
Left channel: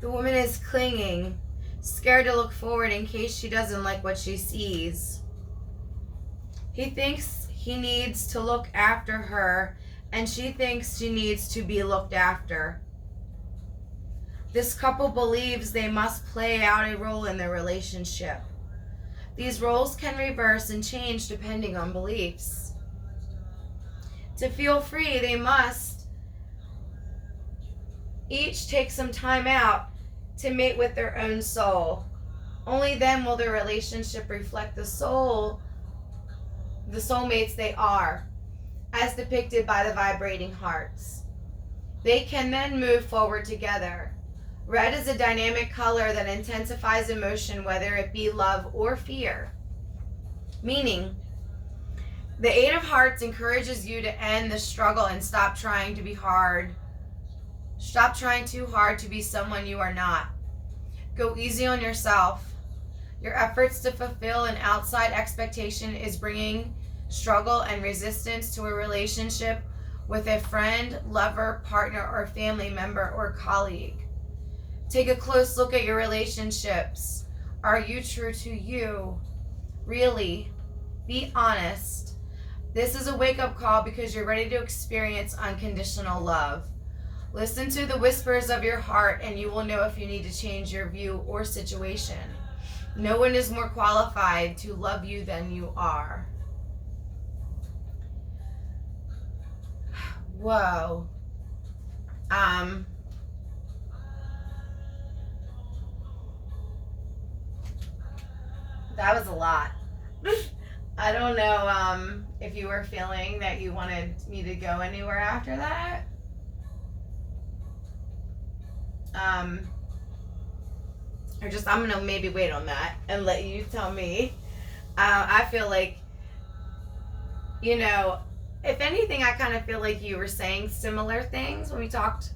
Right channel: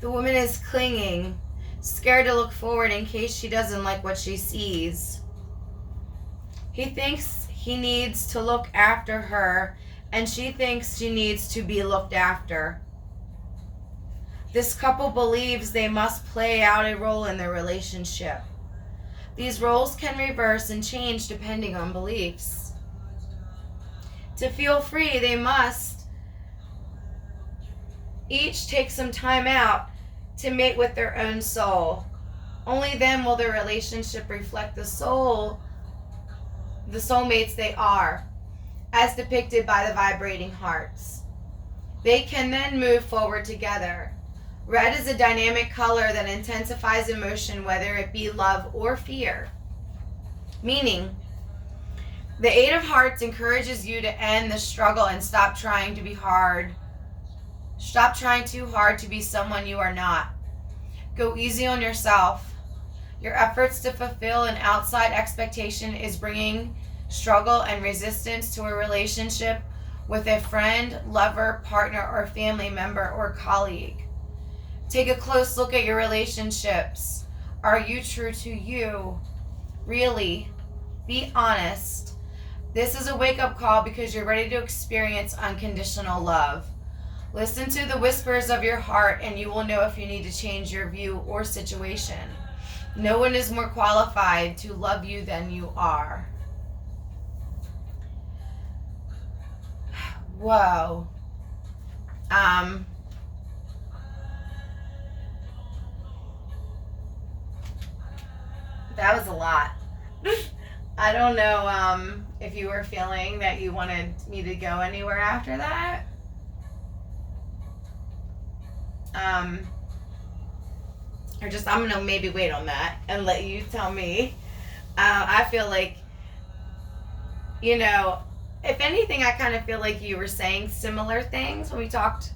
The woman is clinging, scared to look forward in case she doesn't like what she sees. He thinks he needs to look after her, and she thinks she needs to be looked after. This couple believes they must play out a role in their relationship. These roles can reverse and change depending on beliefs. To feel free, they must each take some time out to mate with their own soul. Only then will their relationship reflect the soulmates they are, as depicted by the vibrating hearts. They can then move forward together. Red is a dynamic color that intensifies emotion, whether it be love or fear. Meaning, the Eight of Hearts encourages you to end the struggle and stop trying to be hard. Stop trying too hard to be someone you are not. Go easy on yourself. Your efforts to fulfill an outside expectation is bringing struggle and resistance to a relationship with a friend, lover, partner, or family member or colleague. Take a close look at your relationships. Are you true to you? Really? Be honest. This is a wake-up call because you're ready to experience unconditional love. Listen to the whispers of your heart and you will know if you need to change your view or situation. No one is more qualified to love you than you are. Whoa. That was a lot. I don't know if you were feeling that you wanted me to go anywhere after that. Or just I'm gonna maybe wait on that and let you tell me. I feel like, you know, if anything, I kind of feel like you were saying similar things when we talked,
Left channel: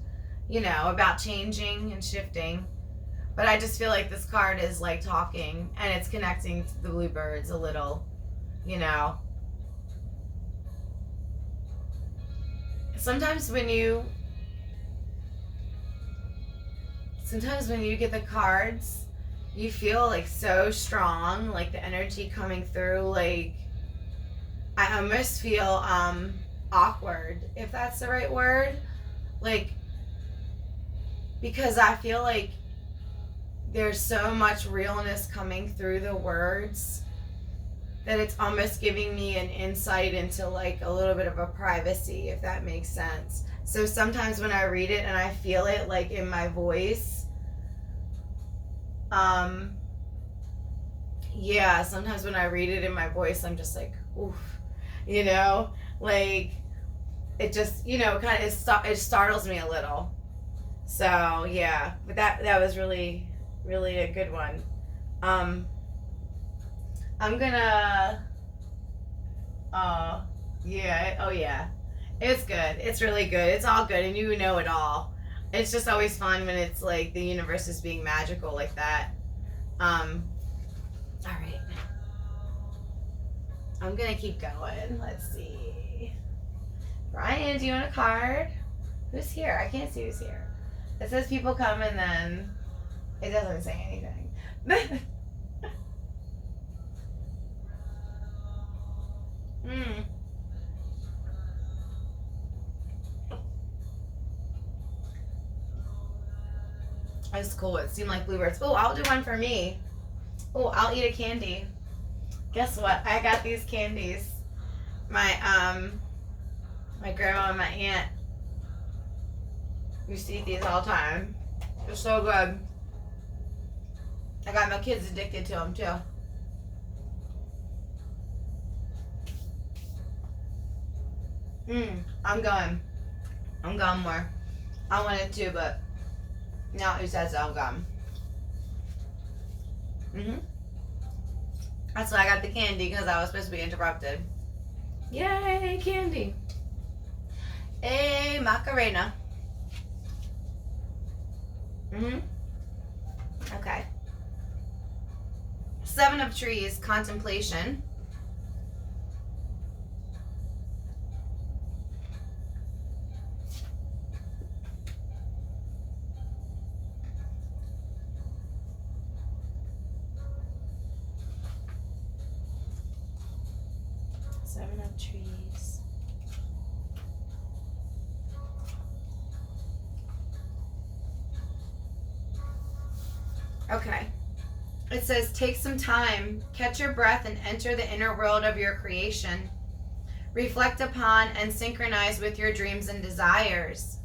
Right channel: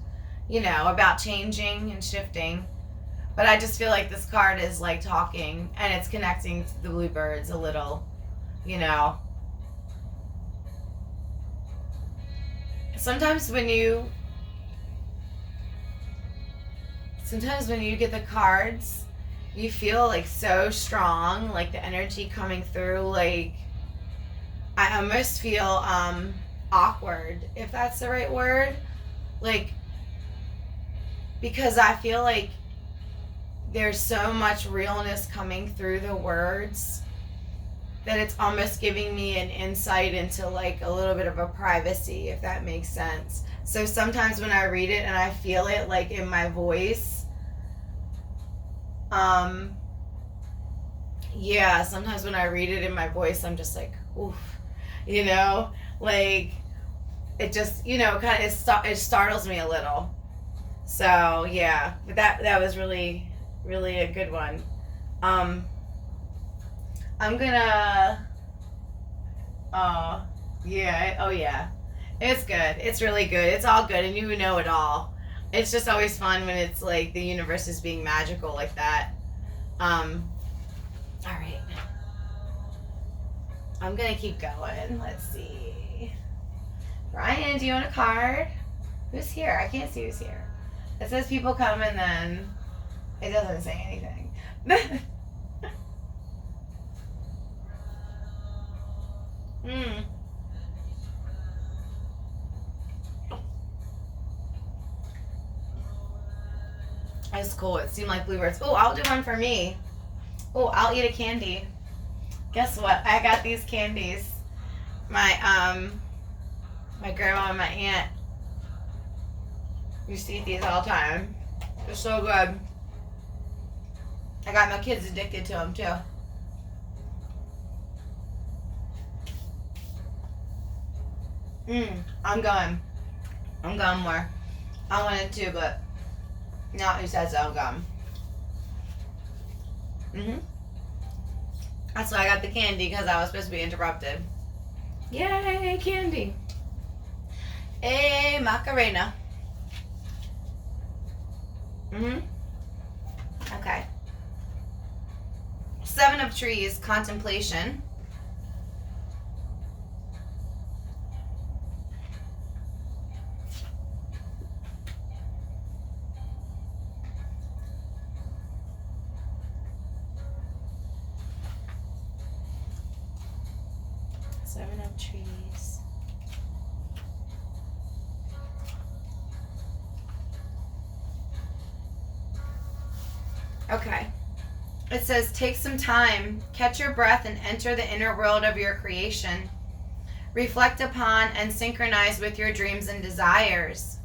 you know, about changing and shifting. But I just feel like this card is like talking and it's connecting to the bluebirds a little, you know. Sometimes when you get the cards, you feel like so strong, like the energy coming through, like I almost feel awkward, if that's the right word, like, because I feel like there's so much realness coming through the words that it's almost giving me an insight into like a little bit of a privacy, if that makes sense. So sometimes when I read it and I feel it like in my voice, sometimes when I read it in my voice, I'm just like, oof, you know, like it just, you know, kind of, it startles me a little. So yeah, but that was really, really a good one. I'm gonna, it's good. It's really good. It's all good, and you know it all. It's just always fun when it's like the universe is being magical like that. All right. I'm gonna keep going. Let's see. Brian, do you want a card? Who's here? I can't see who's here. It says people come and then it doesn't say anything. That's cool. It seemed like bluebirds. Oh, I'll do one for me. Oh, I'll eat a candy. Guess what? I got these candies. My grandma and my aunt used to eat these all the time. They're so good. I got my kids addicted to them too. I'm going more. I wanted to, but no, he says so. I'm gone. That's why I got the candy, because I was supposed to be interrupted. Yay, candy. A Macarena. Okay. 7 of Trees, contemplation. Seven of Trees. Okay. It says, take some time, catch your breath, and enter the inner world of your creation. Reflect upon and synchronize with your dreams and desires.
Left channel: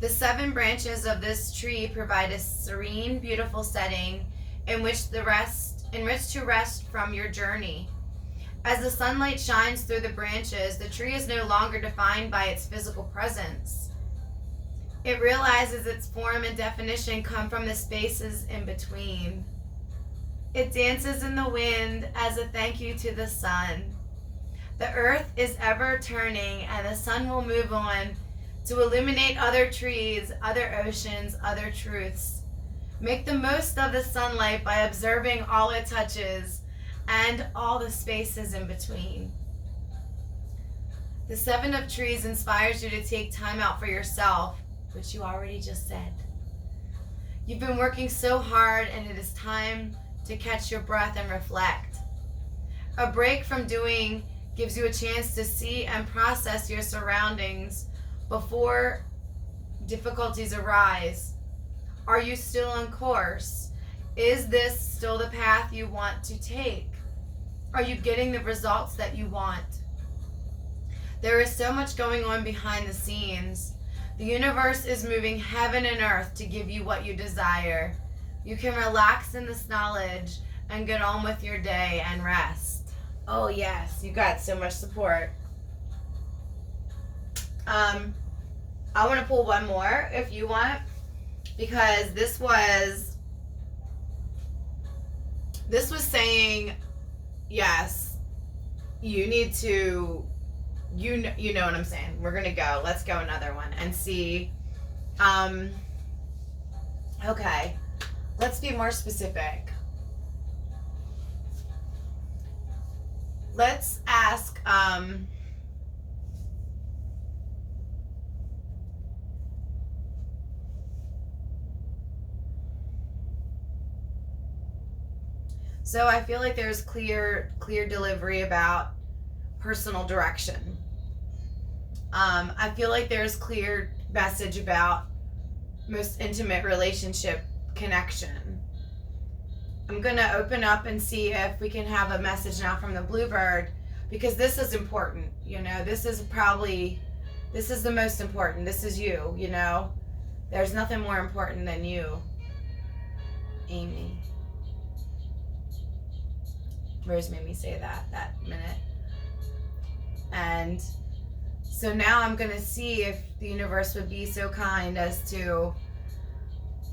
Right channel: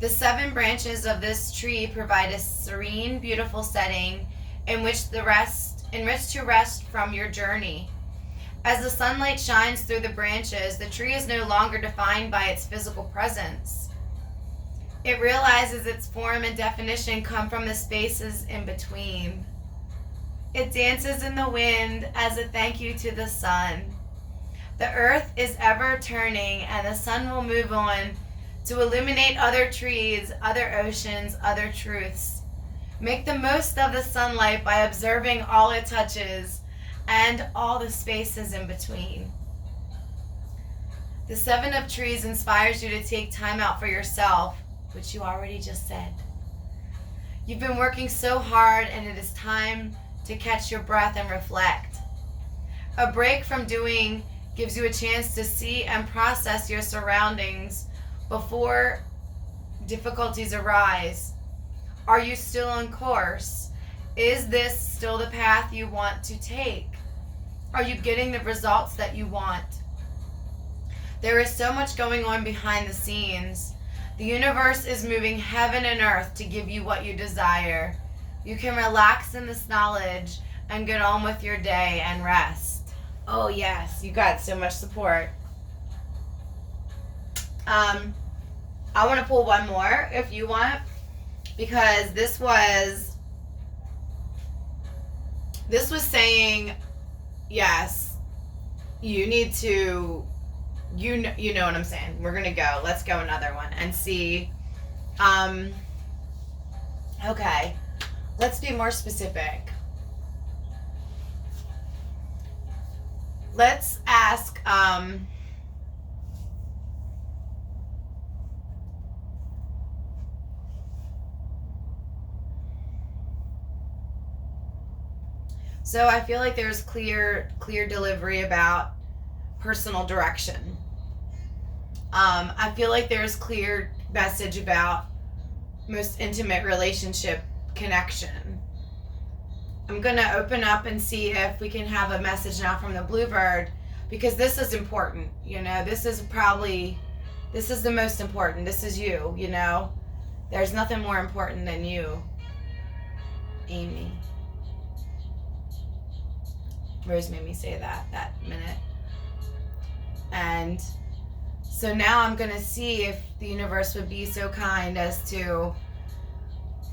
The 7 branches of this tree provide a serene, beautiful setting in which to rest from your journey. As the sunlight shines through the branches, the tree is no longer defined by its physical presence. It realizes its form and definition come from the spaces in between. It dances in the wind as a thank you to the sun. The earth is ever turning, and the sun will move on to illuminate other trees, other oceans, other truths. Make the most of the sunlight by observing all it touches and all the spaces in between. The 7 of Trees inspires you to take time out for yourself, which you already just said. You've been working so hard, and it is time to catch your breath and reflect. A break from doing gives you a chance to see and process your surroundings before difficulties arise. Are you still on course? Is this still the path you want to take? Are you getting the results that you want? There is so much going on behind the scenes. The universe is moving heaven and earth to give you what you desire. You can relax in this knowledge and get on with your day and rest. Oh yes, you got so much support. I want to pull one more if you want, because this was saying, yes, you need to, you know what I'm saying. We're gonna go. Let's go another one and see. Okay, let's be more specific. Let's ask. So I feel like there's clear delivery about personal direction. I feel like there's clear message about most intimate relationship connection. I'm going to open up and see if we can have a message now from the Bluebird, because this is important. You know, this is the most important. This is you, you know. There's nothing more important than you, Amy. Rose made me say that minute. And so now I'm going to see if the universe would be so kind as to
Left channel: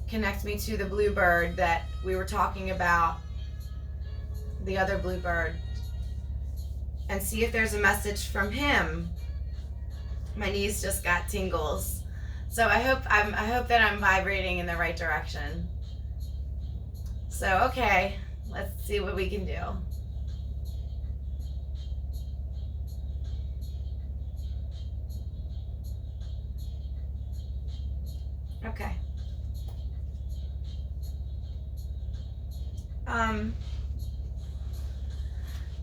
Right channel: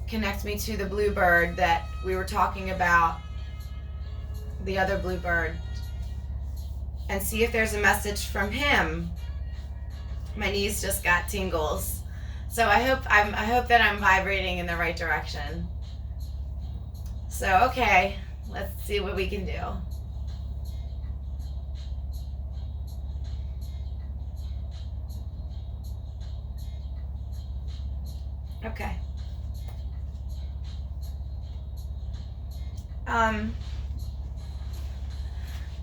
connect me to the Bluebird that we were talking about, the other Bluebird, and see if there's a message from him. My knees just got tingles. So I hope that I'm vibrating in the right direction. So okay, let's see what we can do. Okay.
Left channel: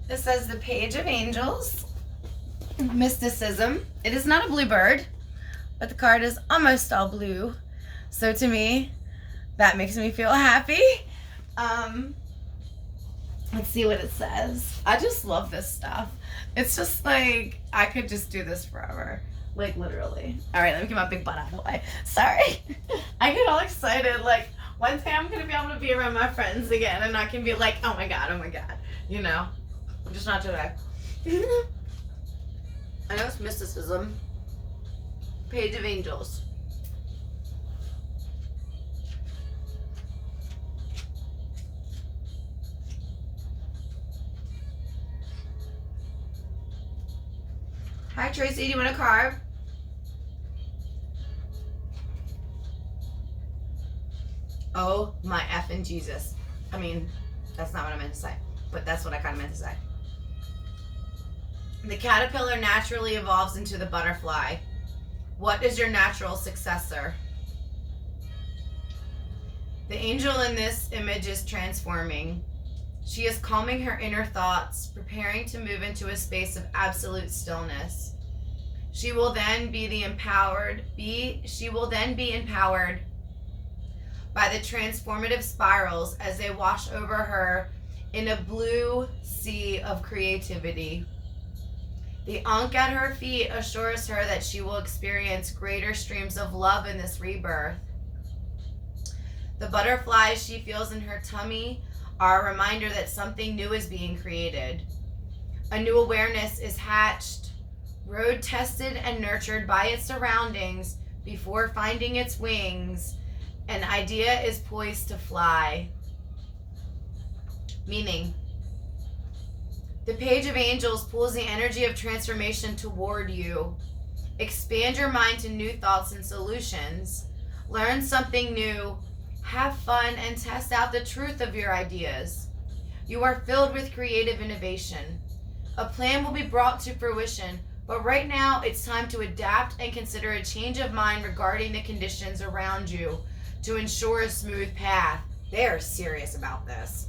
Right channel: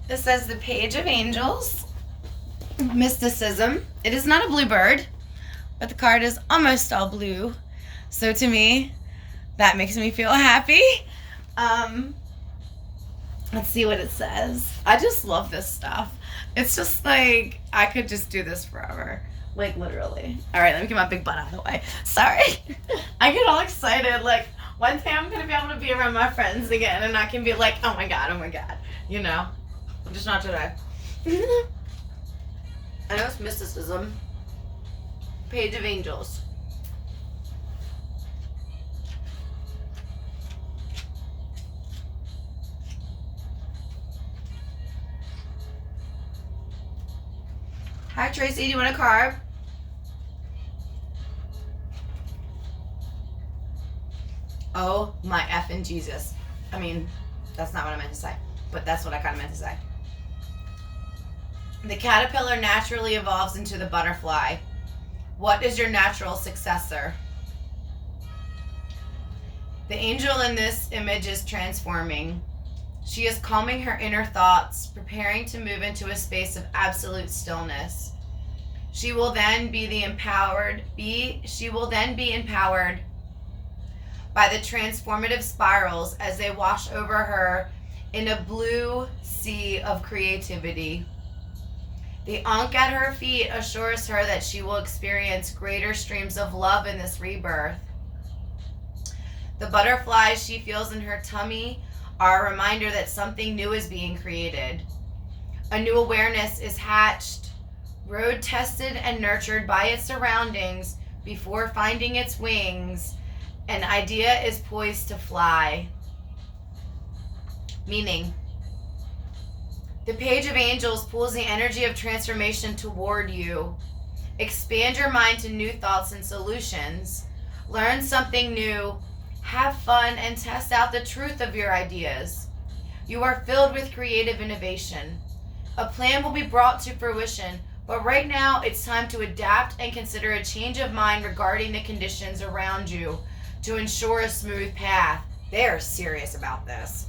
This says the Page of Angels, mysticism. It is not a bluebird, but the card is almost all blue. So to me, that makes me feel happy. Let's see what it says. I just love this stuff. It's just like, I could just do this forever. Like, literally. All right, let me get my big butt out of the way. Sorry. I get all excited. Like, one day I'm going to be able to be around my friends again, and I can be like, oh my God. You know? Just not today. I know it's mysticism. Page of Angels. Hi, Tracy. Do you want a card? Oh my effing Jesus. I mean, that's not what I meant to say, but that's what I kind of meant to say. The caterpillar naturally evolves into the butterfly. What is your natural successor? The angel in this image is transforming. She is calming her inner thoughts, preparing to move into a space of absolute stillness. She will then be empowered by the transformative spirals as they wash over her in a blue sea of creativity. The ankh at her feet assures her that she will experience greater streams of love in this rebirth. The butterflies she feels in her tummy are a reminder that something new is being created. A new awareness is hatched, road tested and nurtured by its surroundings before finding its wings. An idea is poised to fly. Meaning, the page of angels pulls the energy of transformation toward you. Expand your mind to new thoughts and solutions. Learn something new. Have fun and test out the truth of your ideas. You are filled with creative innovation. A plan will be brought to fruition, but right now it's time to adapt and consider a change of mind regarding the conditions around you to ensure a smooth path. They're serious about this.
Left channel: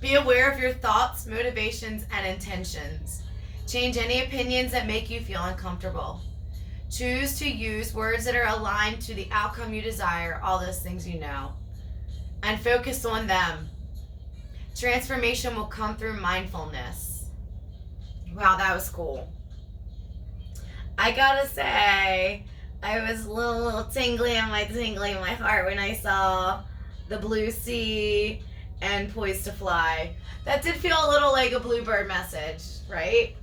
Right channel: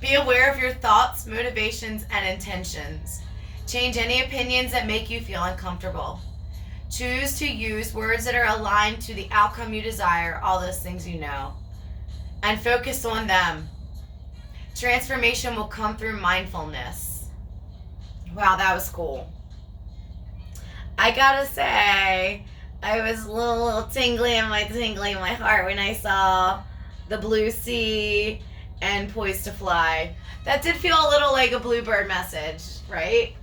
Be aware of your thoughts, motivations, and intentions. Change any opinions that make you feel uncomfortable. Choose to use words that are aligned to the outcome you desire, all those things you know, and focus on them. Transformation will come through mindfulness. Wow, that was cool. I gotta say, I was a little tingly in my heart when I saw the blue sea and poised to fly. That did feel a little like a bluebird message, right?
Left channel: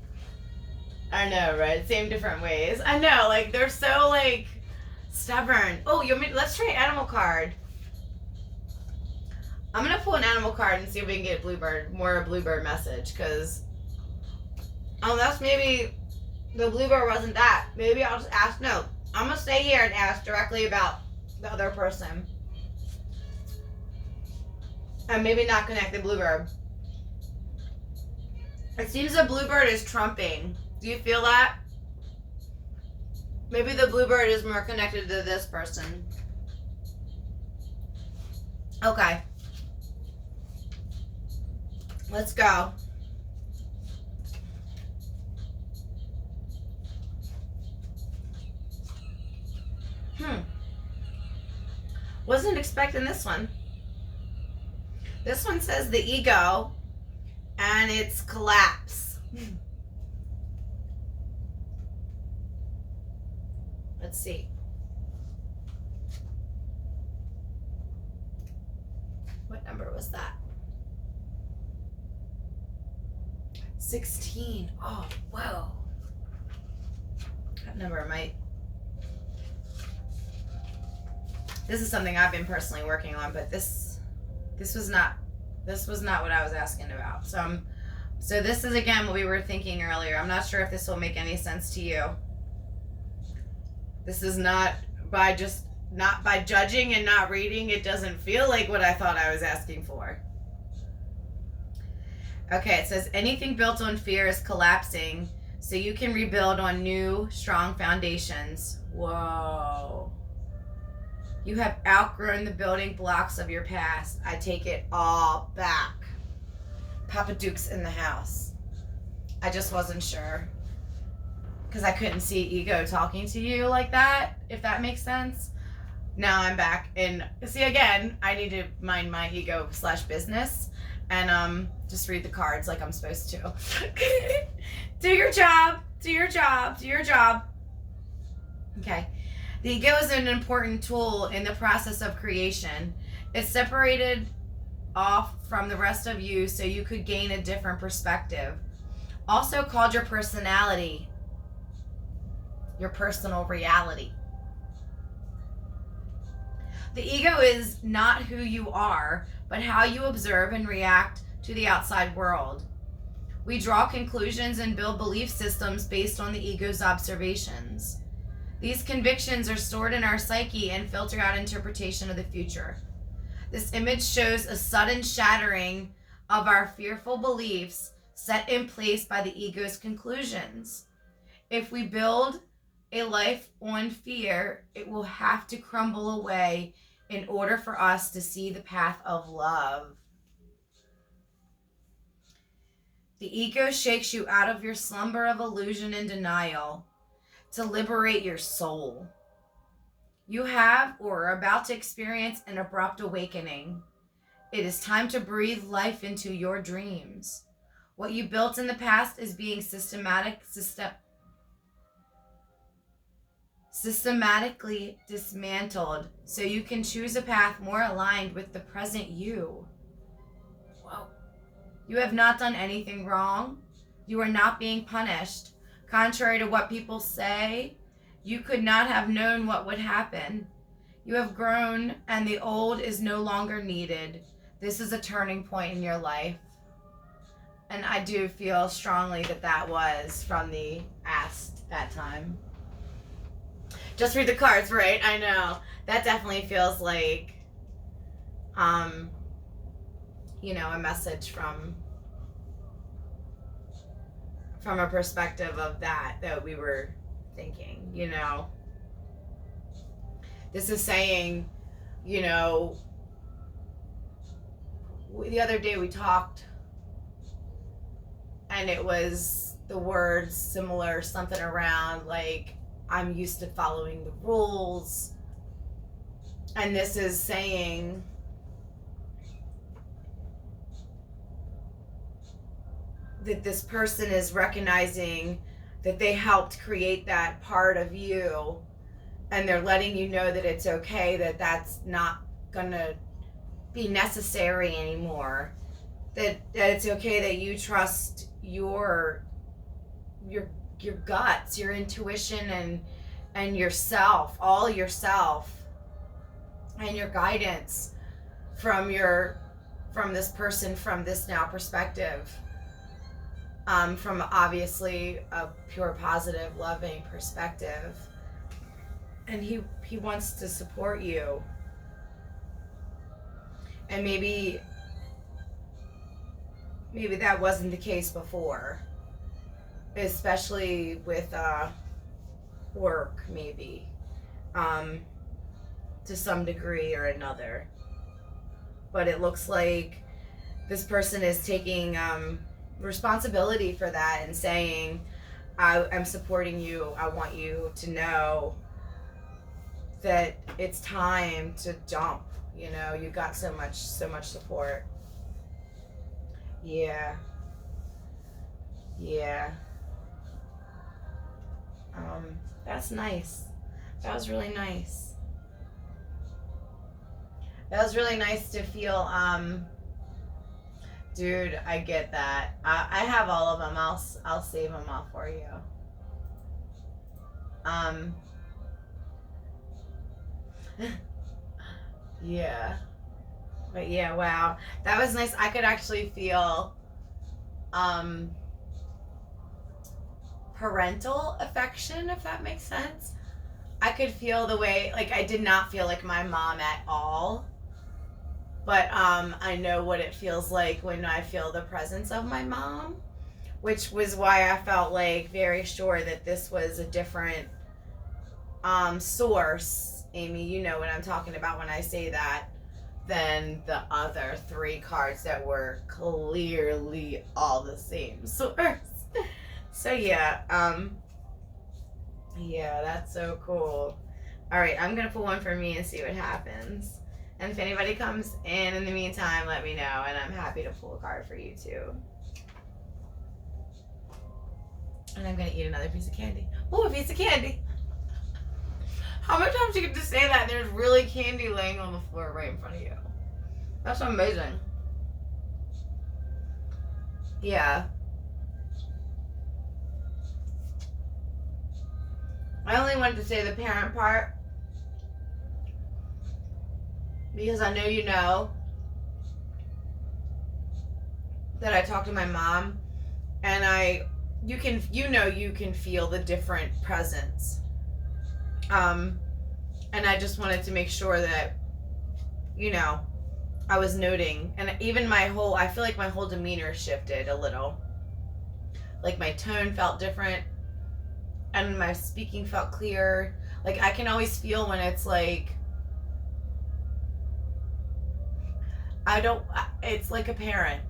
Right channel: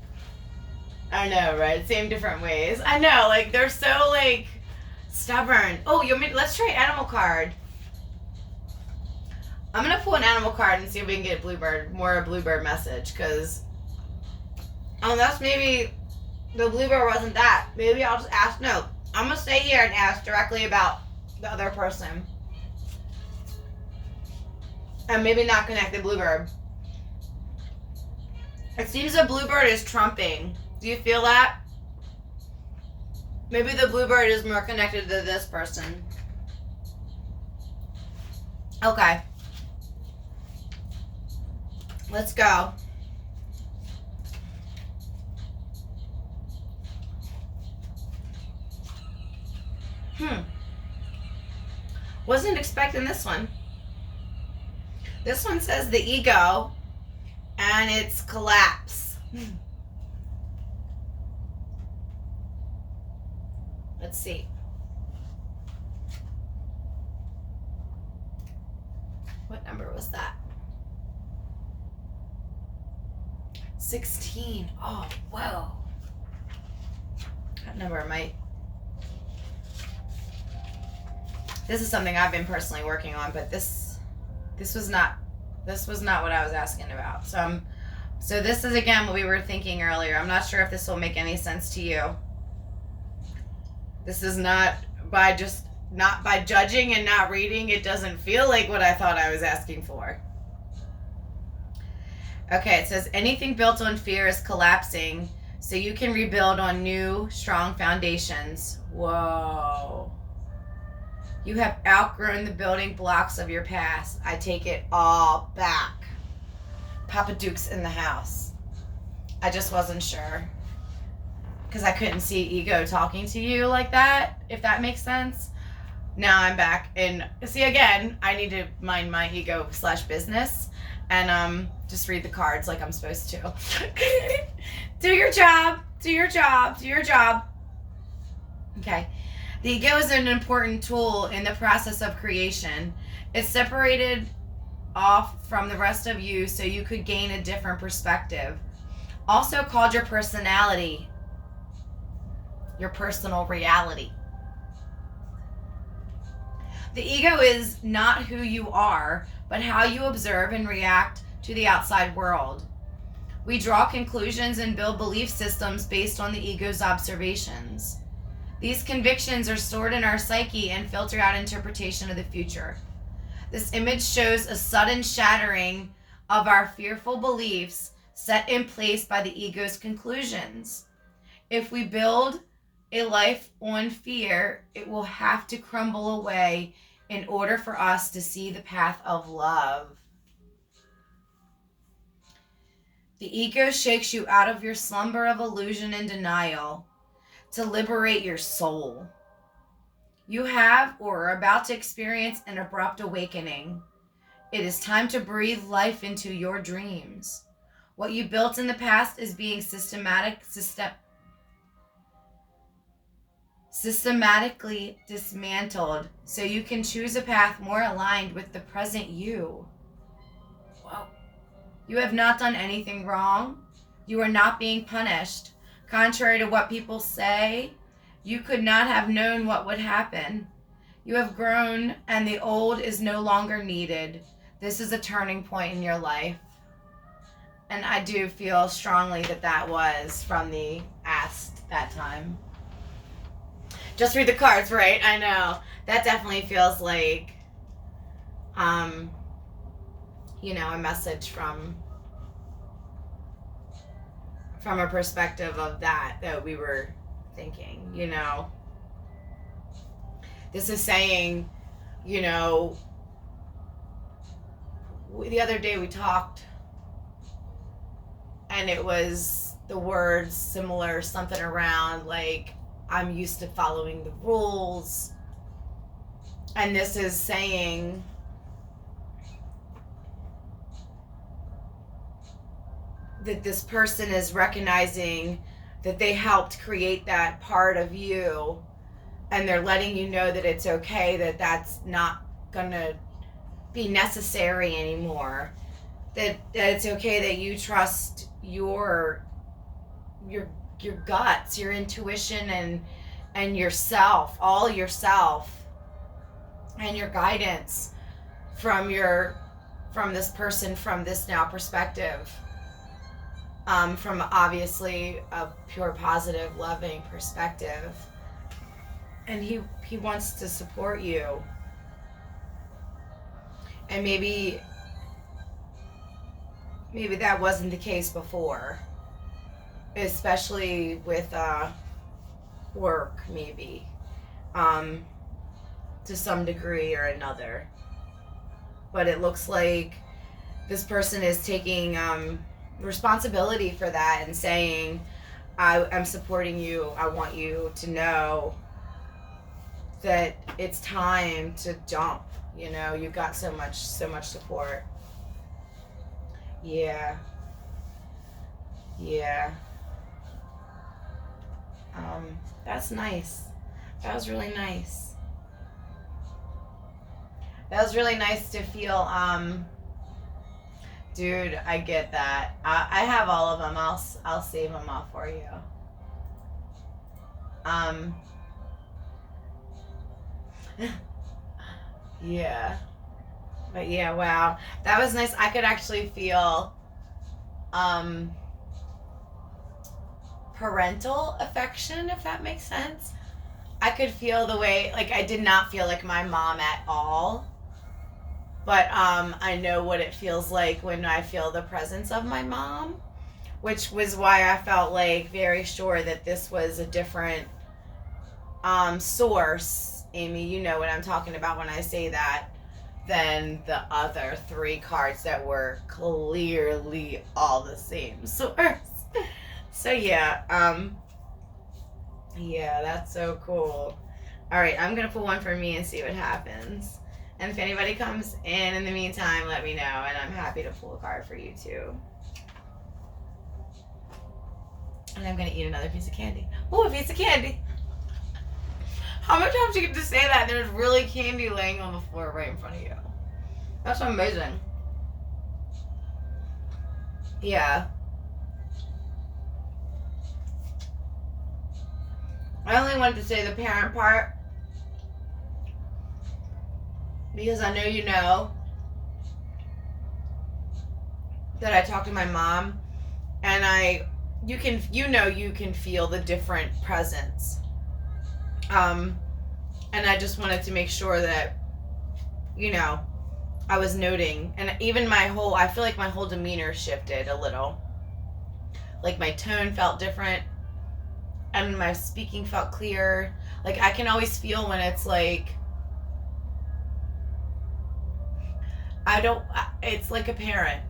I know, right? Same different ways. I know, like they're so like stubborn. Oh, let's try animal card. I'm gonna pull an animal card and see if we can get a bluebird message, because unless maybe the bluebird wasn't that. Maybe I'll just ask. No, I'm gonna stay here and ask directly about the other person. And maybe not connect the bluebird. It seems the bluebird is trumping. Do you feel that? Maybe the bluebird is more connected to this person. Okay. Let's go. Wasn't expecting this one. This one says the ego and its collapse. Let's see. What number was that? 16. Oh, whoa. That number might. This is something I've been personally working on, but this was not what I was asking about. So this is again what we were thinking earlier. I'm not sure if this will make any sense to you. This is not by judging and not reading. It doesn't feel like what I thought I was asking for. Okay, it says anything built on fear is collapsing, so you can rebuild on new, strong foundations. Whoa. You have outgrown the building blocks of your past. I take it all back. Papa Duke's in the house. I just wasn't sure. Because I couldn't see ego talking to you like that, if that makes sense. Now I'm back. And see, again, I need to mind my ego / business. And just read the cards like I'm supposed to. Do your job. Do your job. Do your job. Okay. The ego is an important tool in the process of creation. It's separated off from the rest of you so you could gain a different perspective. Also called your personality, your personal reality. The ego is not who you are, but how you observe and react to the outside world. We draw conclusions and build belief systems based on the ego's observations. These convictions are stored in our psyche and filter out interpretation of the future. This image shows a sudden shattering of our fearful beliefs set in place by the ego's conclusions. If we build a life on fear, it will have to crumble away in order for us to see the path of love. The ego shakes you out of your slumber of illusion and denial to liberate your soul. You have or are about to experience an abrupt awakening. It is time to breathe life into your dreams. What you built in the past is being systematically dismantled so you can choose a path more aligned with the present you. Whoa. You have not done anything wrong. You are not being punished. Contrary to what people say, you could not have known what would happen. You have grown and the old is no longer needed. This is a turning point in your life. And I do feel strongly that that was from the asked that time. Just read the cards, right? I know. That definitely feels like, a message from a perspective of that we were thinking, This is saying, the other day we talked and it was the words similar, something around like, I'm used to following the rules. And this is saying that this person is recognizing that they helped create that part of you, and they're letting you know that it's okay, that that's not gonna be necessary anymore, that it's okay that you trust your guts, your intuition, and yourself, all yourself, and your guidance from this person, from this now perspective, from obviously a pure, positive, loving perspective. And he wants to support you. And maybe that wasn't the case before, especially with work, maybe, to some degree or another. But it looks like this person is taking responsibility for that and saying, I am supporting you. I want you to know that it's time to jump. You've got so much support. Yeah. That's nice. That was really nice. That was really nice to feel. Dude, I get that. I have all of them. I'll save them all for you. Yeah. But yeah, wow. That was nice. I could actually feel parental affection, if that makes sense. I could feel the way, like, I did not feel like my mom at all. But I know what it feels like when I feel the presence of my mom, which was why I felt like very sure that this was a different source. Amy, you know what I'm talking about when I say that, than the other three cards that were clearly all the same source. So yeah, that's so cool. All right, I'm gonna pull one for me and see what happens. And if anybody comes in the meantime, let me know, and I'm happy to pull a card for you too. And I'm gonna eat another piece of candy. Oh, a piece of candy. How many times do you get to say that and there's really candy laying on the floor right in front of you? That's amazing. Yeah. I only wanted to say the parent part because I know you know that I talked to my mom And you can feel the different presence. And I just wanted to make sure that, I was noting, and even I feel like my whole demeanor shifted a little. Like my tone felt different and my speaking felt clear. Like I can always feel when it's like, it's like a parent,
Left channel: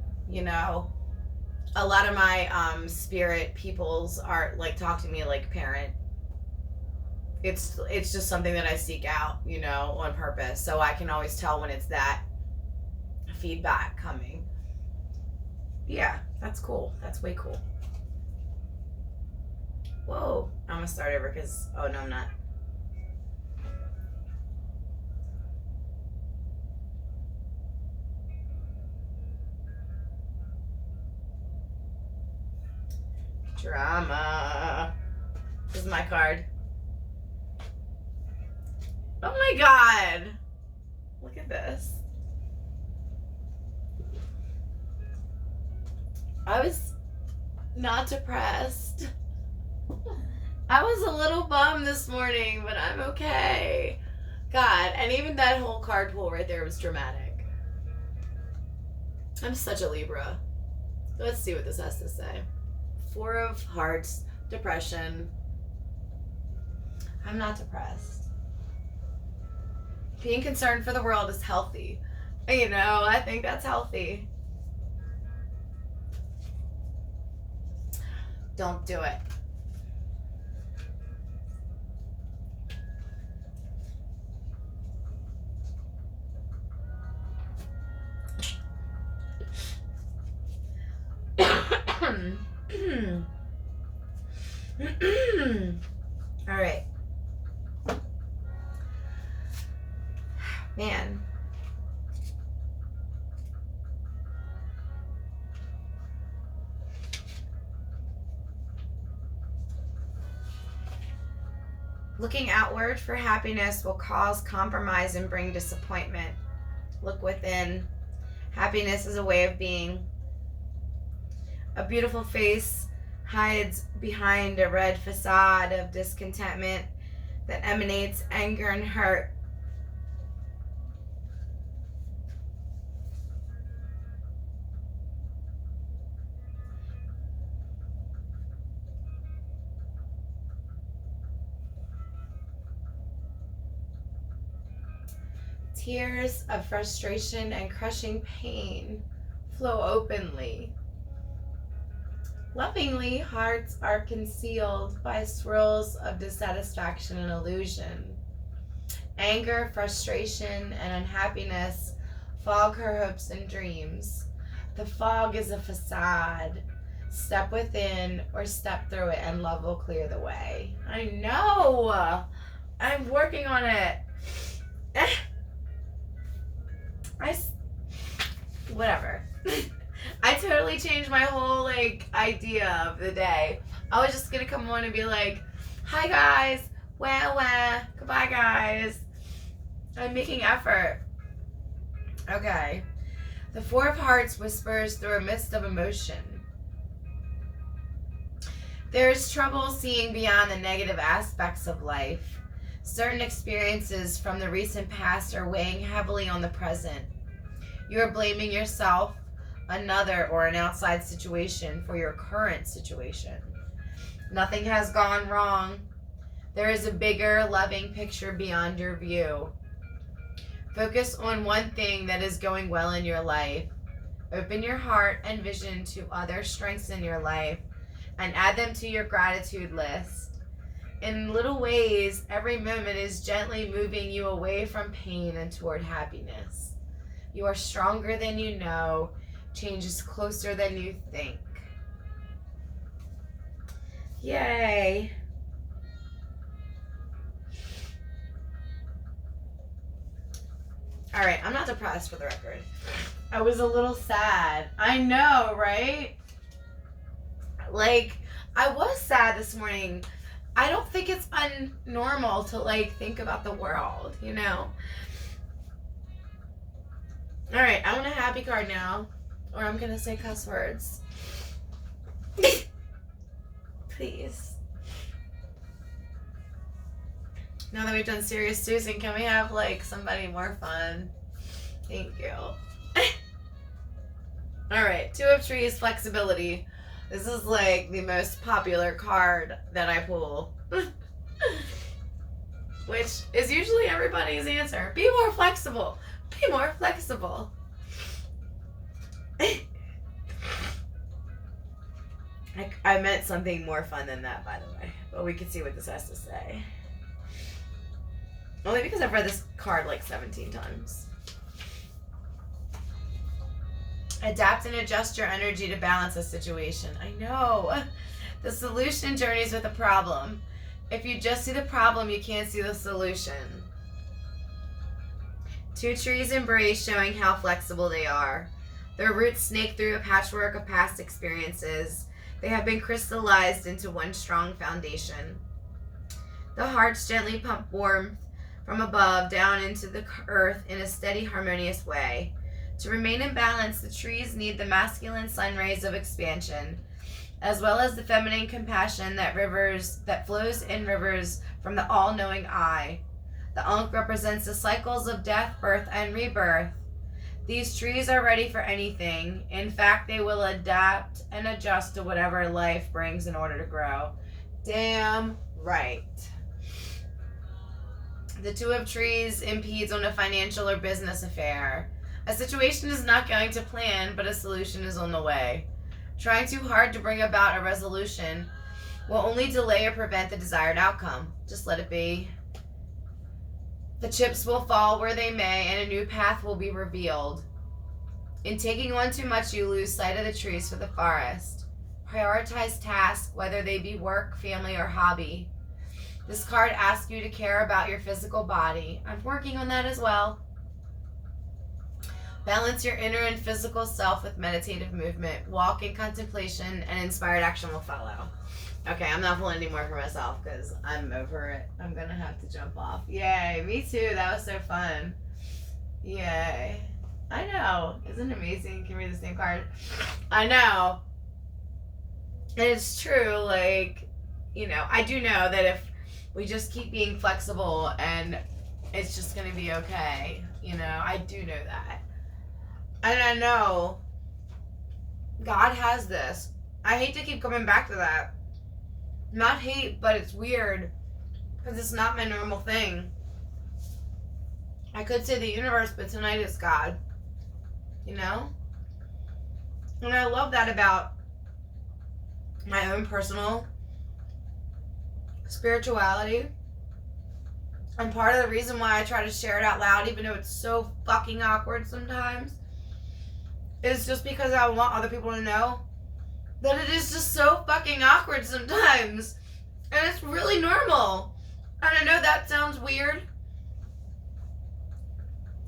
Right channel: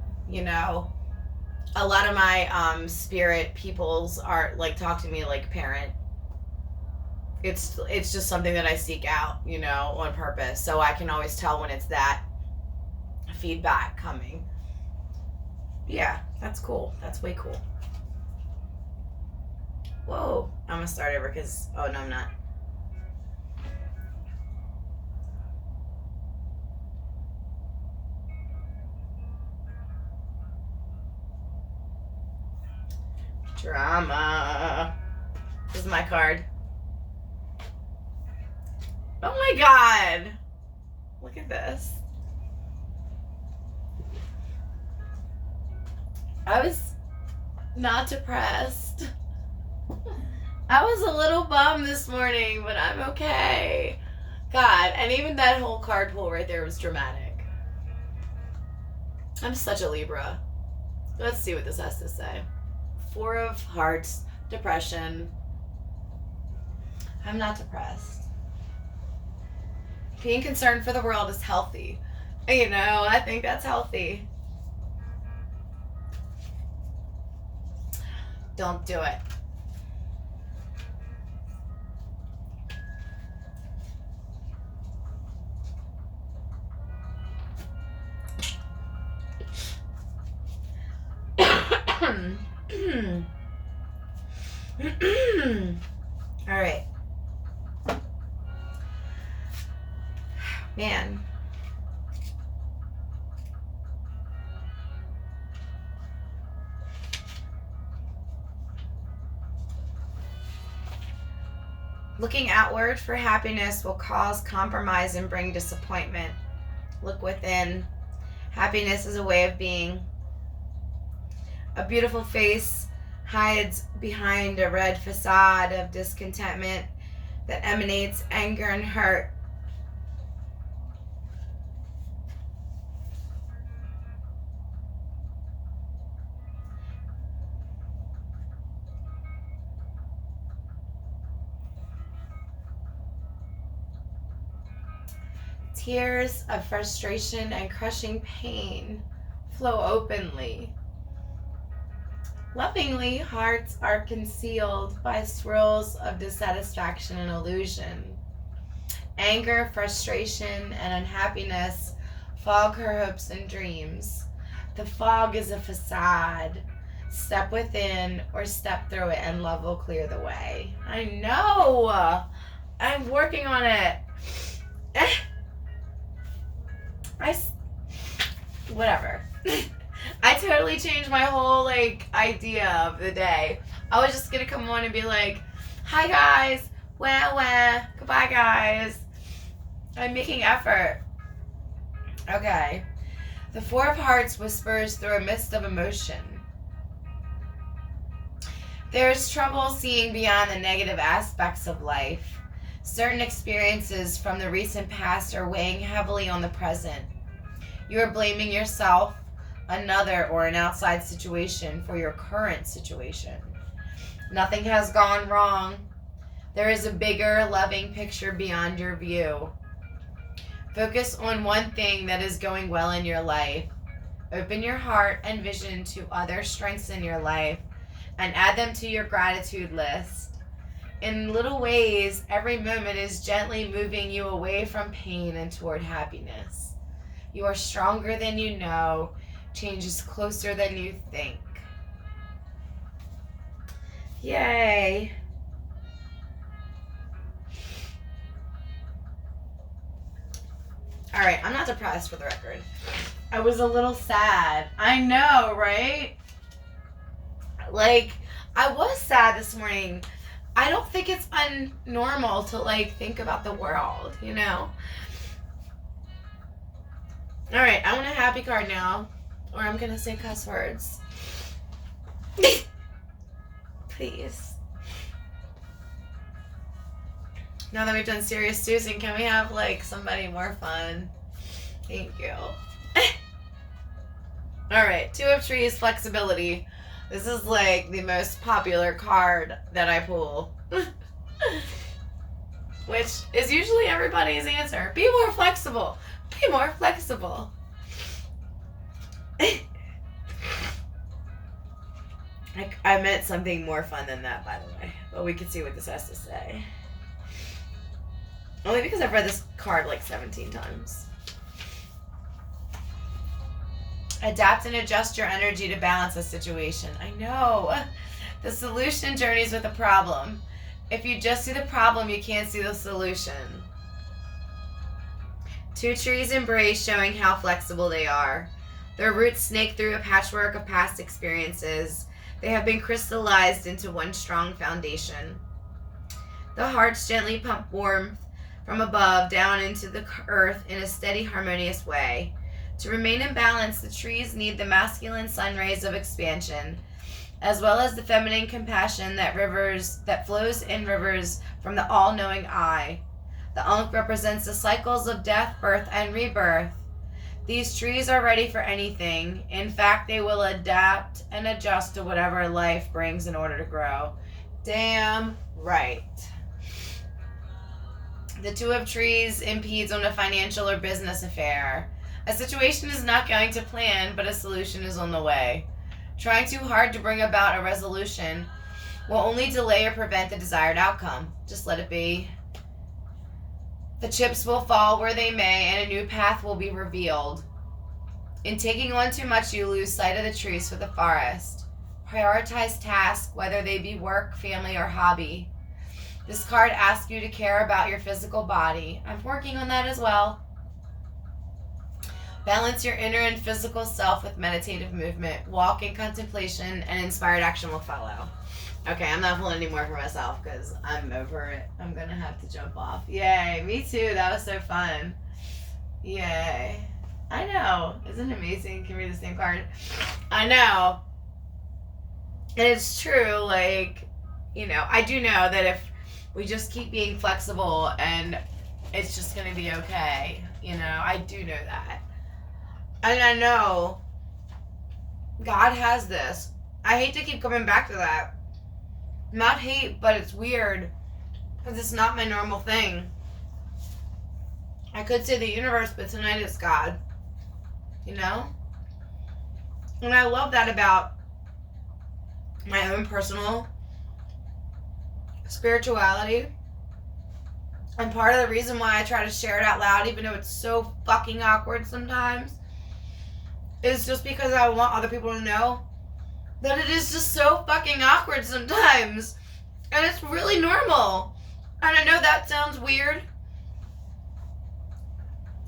A lot of my spirit peoples are like, talk to me like parent. It's just something that I seek out, on purpose. So I can always tell when it's that feedback coming. Yeah, that's cool. That's way cool. Whoa, I'm gonna start over because, oh no, I'm not. Drama. This is my card. Oh my God. Look at this. I was not depressed. I was a little bummed this morning, but I'm okay. God, and even that whole card pull right there was dramatic. I'm such a Libra. Let's see what this has to say. 4 of Hearts, depression. I'm not depressed. Being concerned for the world is healthy. I think that's healthy. Don't do it. All right. Man. Looking outward for happiness will cause compromise and bring disappointment. Look within. Happiness is a way of being. A beautiful face hides behind a red facade of discontentment that emanates anger and hurt. Tears of frustration and crushing pain flow openly. Lovingly, hearts are concealed by swirls of dissatisfaction and illusion. Anger, frustration, and unhappiness fog her hopes and dreams. The fog is a facade. Step within or step through it and love will clear the way. I know! I'm working on it. Whatever. I totally changed my whole idea of the day. I was just gonna come on and be like, hi guys, wah, goodbye guys. I'm making effort. Okay. The 4 of Hearts whispers through a mist of emotion. There's trouble seeing beyond the negative aspects of life. Certain experiences from the recent past are weighing heavily on the present. You are blaming yourself, another, or an outside situation for your current situation. Nothing has gone wrong. There is a bigger, loving picture beyond your view. Focus on one thing that is going well in your life. Open your heart and vision to other strengths in your life and add them to your gratitude list. In little ways, every moment is gently moving you away from pain and toward happiness. You are stronger than you know. Change is closer than you think. Yay. All right, I'm not depressed for the record. I was a little sad. I know, right? I was sad this morning. I don't think it's unnormal to think about the world, All right, I want a happy card now, or I'm gonna say cuss words. Please. Now that we've done serious Susan, can we have like somebody more fun? Thank you. Alright, Two of Trees, flexibility. This is like the most popular card that I pull. Which is usually everybody's answer. Be more flexible. Be more flexible. I meant something more fun than that, by the way. But we can see what this has to say. Only because I've read this card like 17 times. Adapt and adjust your energy to balance a situation. I know. The solution journeys with a problem. If you just see the problem, you can't see the solution. Two trees embrace, showing how flexible they are. Their roots snake through a patchwork of past experiences. They have been crystallized into one strong foundation. The hearts gently pump warmth from above down into the earth in a steady, harmonious way. To remain in balance, the trees need the masculine sun rays of expansion, as well as the feminine compassion that flows in rivers from the all-knowing eye. The Ankh represents the cycles of death, birth, and rebirth. These trees are ready for anything. In fact, they will adapt and adjust to whatever life brings in order to grow. Damn right. The Two of Trees impedes on a financial or business affair. A situation is not going to plan, but a solution is on the way. Trying too hard to bring about a resolution will only delay or prevent the desired outcome. Just let it be. The chips will fall where they may, and a new path will be revealed. In taking on too much, you lose sight of the trees for the forest. Prioritize tasks, whether they be work, family, or hobby. This card asks you to care about your physical body. I'm working on that as well. Balance your inner and physical self with meditative movement. Walk in contemplation, and inspired action will follow. Okay, I'm not pulling any more for myself because I'm over it. I'm going to have to jump off. Yay, me too. That was so fun. Yay. I know. Isn't it amazing? Can we read the same card? I know. And it's true. Like, you know, I do know that if we just keep being flexible and it's just going to be okay. You know, I do know that. And I know God has this. I hate to keep coming back to that. Not hate, but it's weird because it's not my normal thing. I could say the universe, but tonight it's God. You know? And I love that about my own personal spirituality. And part of the reason why I try to share it out loud, even though it's so fucking awkward sometimes, is just because I want other people to know that it is just so fucking awkward sometimes. And it's really normal. And I know that sounds weird.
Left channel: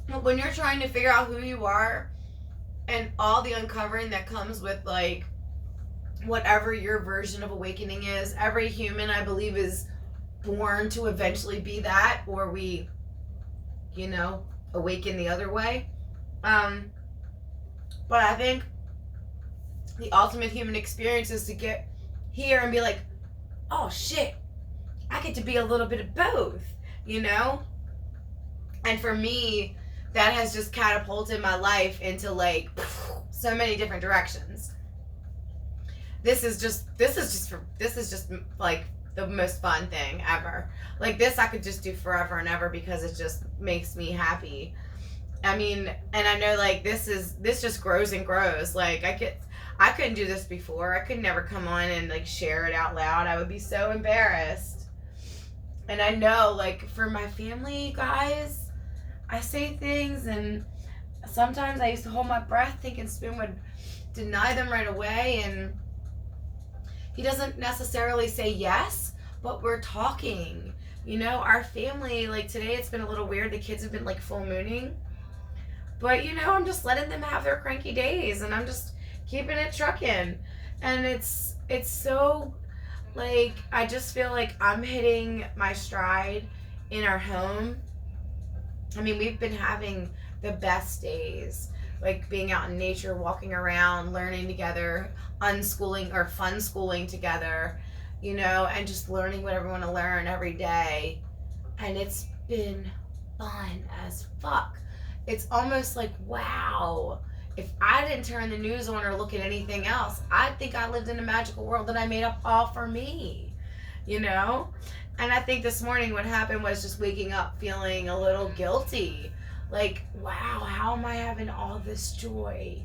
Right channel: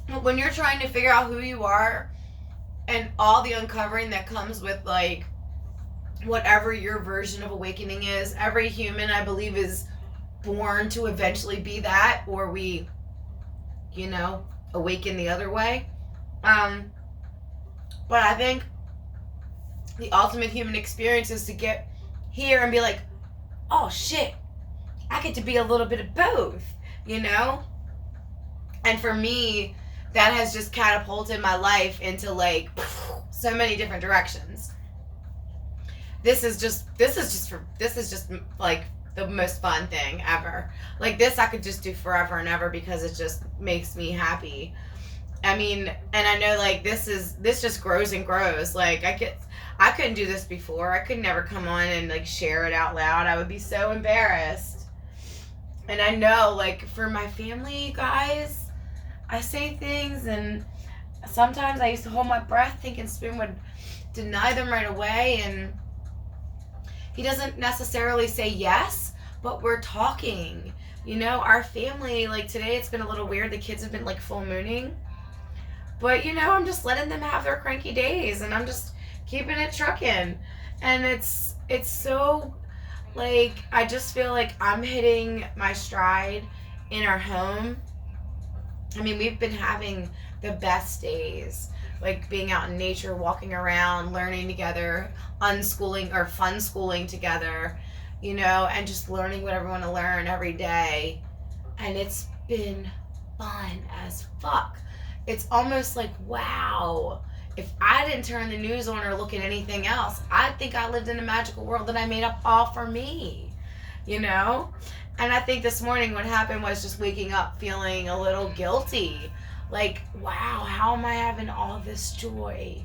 But when you're trying to figure out who you are and all the uncovering that comes with, like, whatever your version of awakening is, every human, I believe, is born to eventually be that, or we, you know, awaken the other way. But I think the ultimate human experience is to get here and be like, oh shit, I get to be a little bit of both, you know? And for me, that has just catapulted my life into like so many different directions. This is just like the most fun thing ever. Like this I could just do forever and ever because it just makes me happy. I mean, and I know like this just grows and grows. Like I couldn't do this before. I could never come on and like share it out loud. I would be so embarrassed. And I know like for my family, guys, I say things and sometimes I used to hold my breath thinking Spoon would deny them right away, and he doesn't necessarily say yes, but we're talking. You know, our family, like today it's been a little weird. The kids have been like full mooning. But, you know, I'm just letting them have their cranky days, and I'm just keeping it trucking. And it's so, like, I just feel like I'm hitting my stride in our home. I mean, we've been having the best days. like being out in nature, walking around, learning together, unschooling or fun schooling together, you know, and just learning whatever we want to learn every day. And it's been fun as fuck. It's almost like, wow, if I didn't turn the news on or look at anything else, I'd think I lived in a magical world that I made up all for me, you know? And I think this morning what happened was just waking up feeling a little guilty. Like, wow, how am I having all this joy?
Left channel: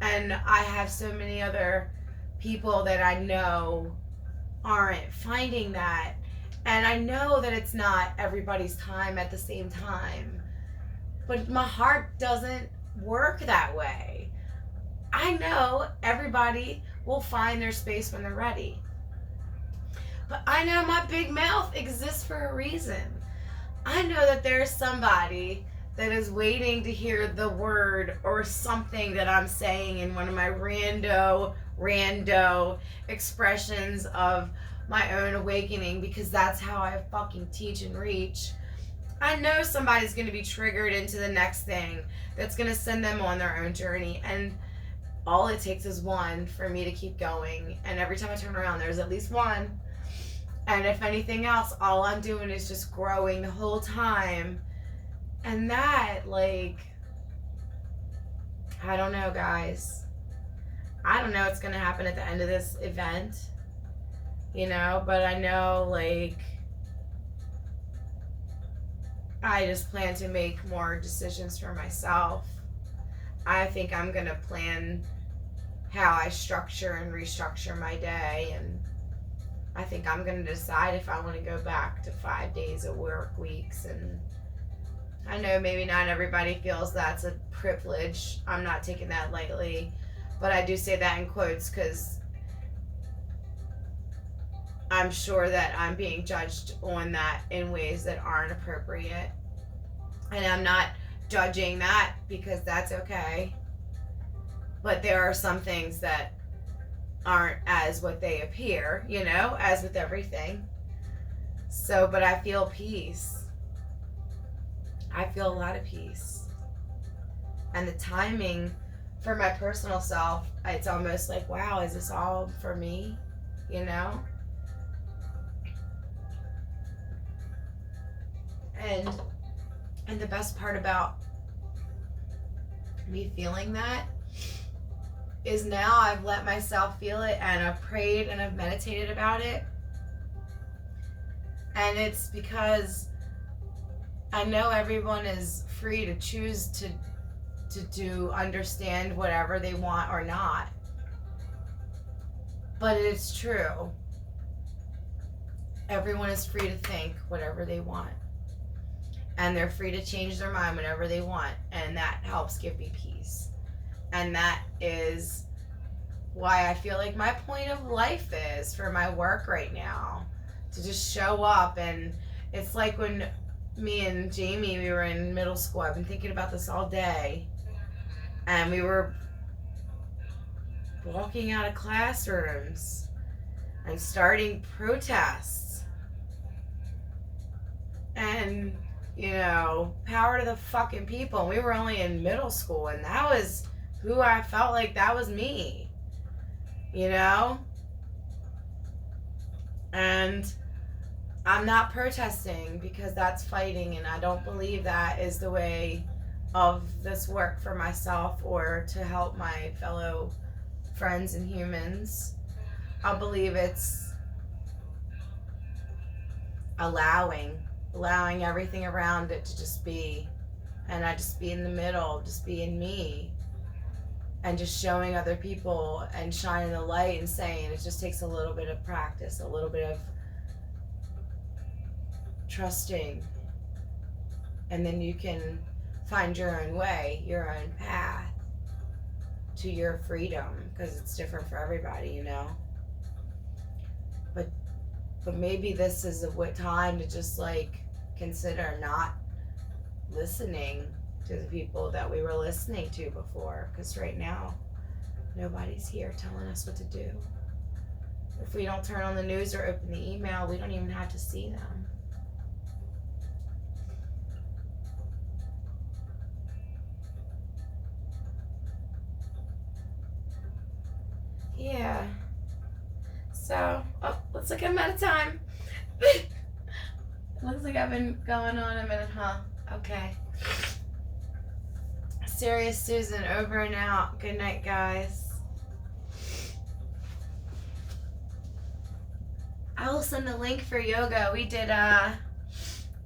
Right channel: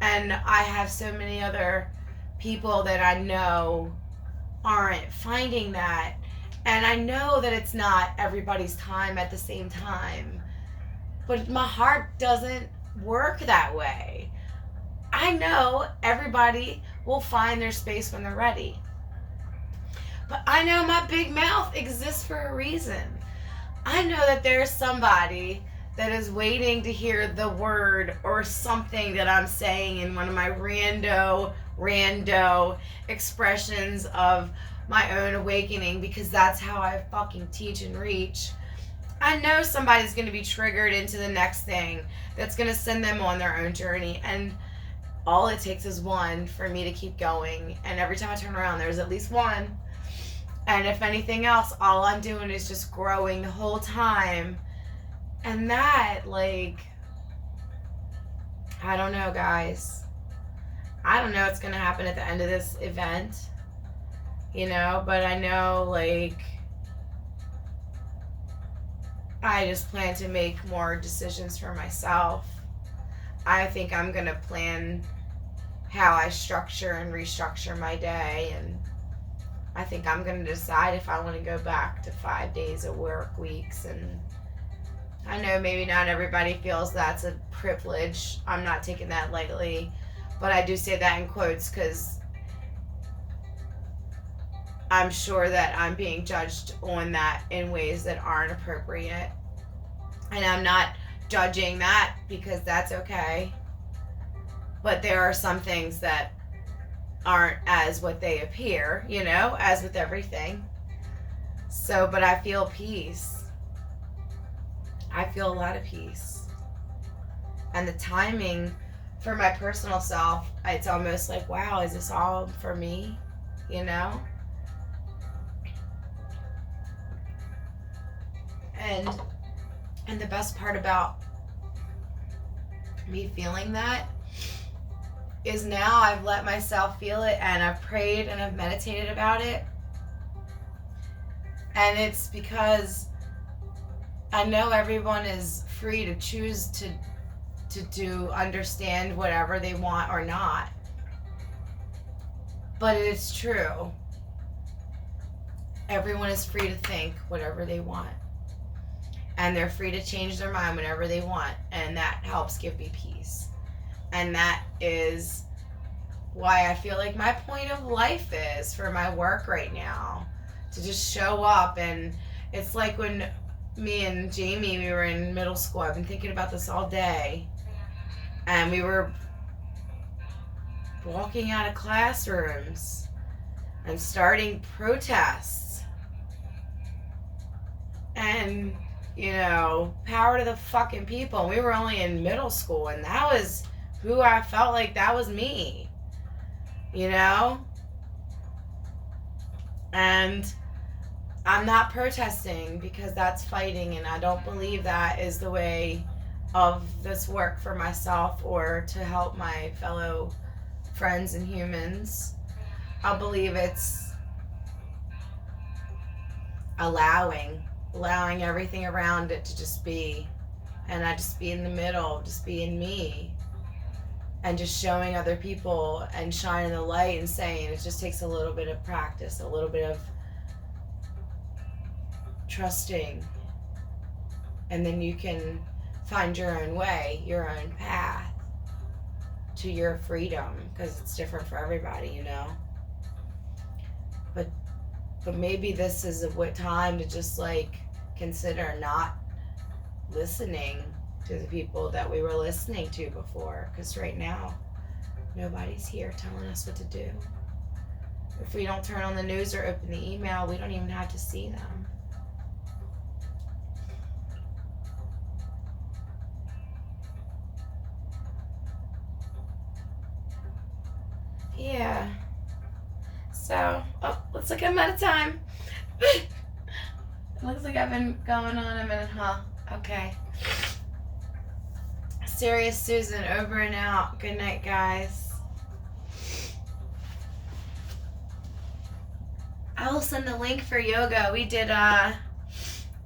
And I have so many other people that I know aren't finding that. And I know that it's not everybody's time at the same time. But my heart doesn't work that way. I know everybody will find their space when they're ready. But I know my big mouth exists for a reason. I know that there's somebody that is waiting to hear the word or something that I'm saying in one of my rando expressions of my own awakening, because that's how I fucking teach and reach. I know somebody's going to be triggered into the next thing that's going to send them on their own journey. And all it takes is one for me to keep going. And every time I turn around, there's at least one. And if anything else, all I'm doing is just growing the whole time. And that, like, I don't know, guys. I don't know what's going to happen at the end of this event, you know, but I know, like, I just plan to make more decisions for myself. I think I'm going to plan how I structure and restructure my day, and I think I'm going to decide if I want to go back to 5 days of work weeks. And I know maybe not everybody feels that's a privilege. I'm not taking that lightly, but I do say that in quotes because I'm sure that I'm being judged on that in ways that aren't appropriate. And I'm not judging that because that's okay. But there are some things that aren't as what they appear, you know, as with everything. So, but I feel peace. I feel a lot of peace. And the timing for my personal self, it's almost like, wow, is this all for me? You know? And the best part about me feeling that is now I've let myself feel it, and I've prayed and I've meditated about it. And it's because I know everyone is free to choose to understand whatever they want or not. But it's true. Everyone is free to think whatever they want. And they're free to change their mind whenever they want. And that helps give me peace. And that is why I feel like my point of life is for my work right now. To just show up. And it's like when me and Jamie, we were in middle school. I've been thinking about this all day. And we were walking out of classrooms and starting protests. And, you know, power to the fucking people. And we were only in middle school, and that was who I felt like that was me. You know? And I'm not protesting because that's fighting, and I don't believe that is the way of this work for myself or to help my fellow friends and humans. I believe it's allowing everything around it to just be, and I just be in the middle, just being me, and just showing other people and shining the light and saying it just takes a little bit of practice, a little bit of trusting, and then you can find your own way, your own path to your freedom, because it's different for everybody, you know. But maybe this is a time to just like consider not listening to the people that we were listening to before, because right now nobody's here telling us what to do. If we don't turn on the news or open the email, we don't even have to see them. like I'm out of time. Looks like I've been going on a minute, huh? Okay. Serious Susan, over and out. Good night, guys. I will send the link for yoga. We did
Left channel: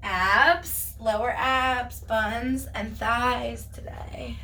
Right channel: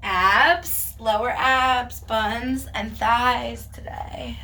abs, lower abs, buns, and thighs today.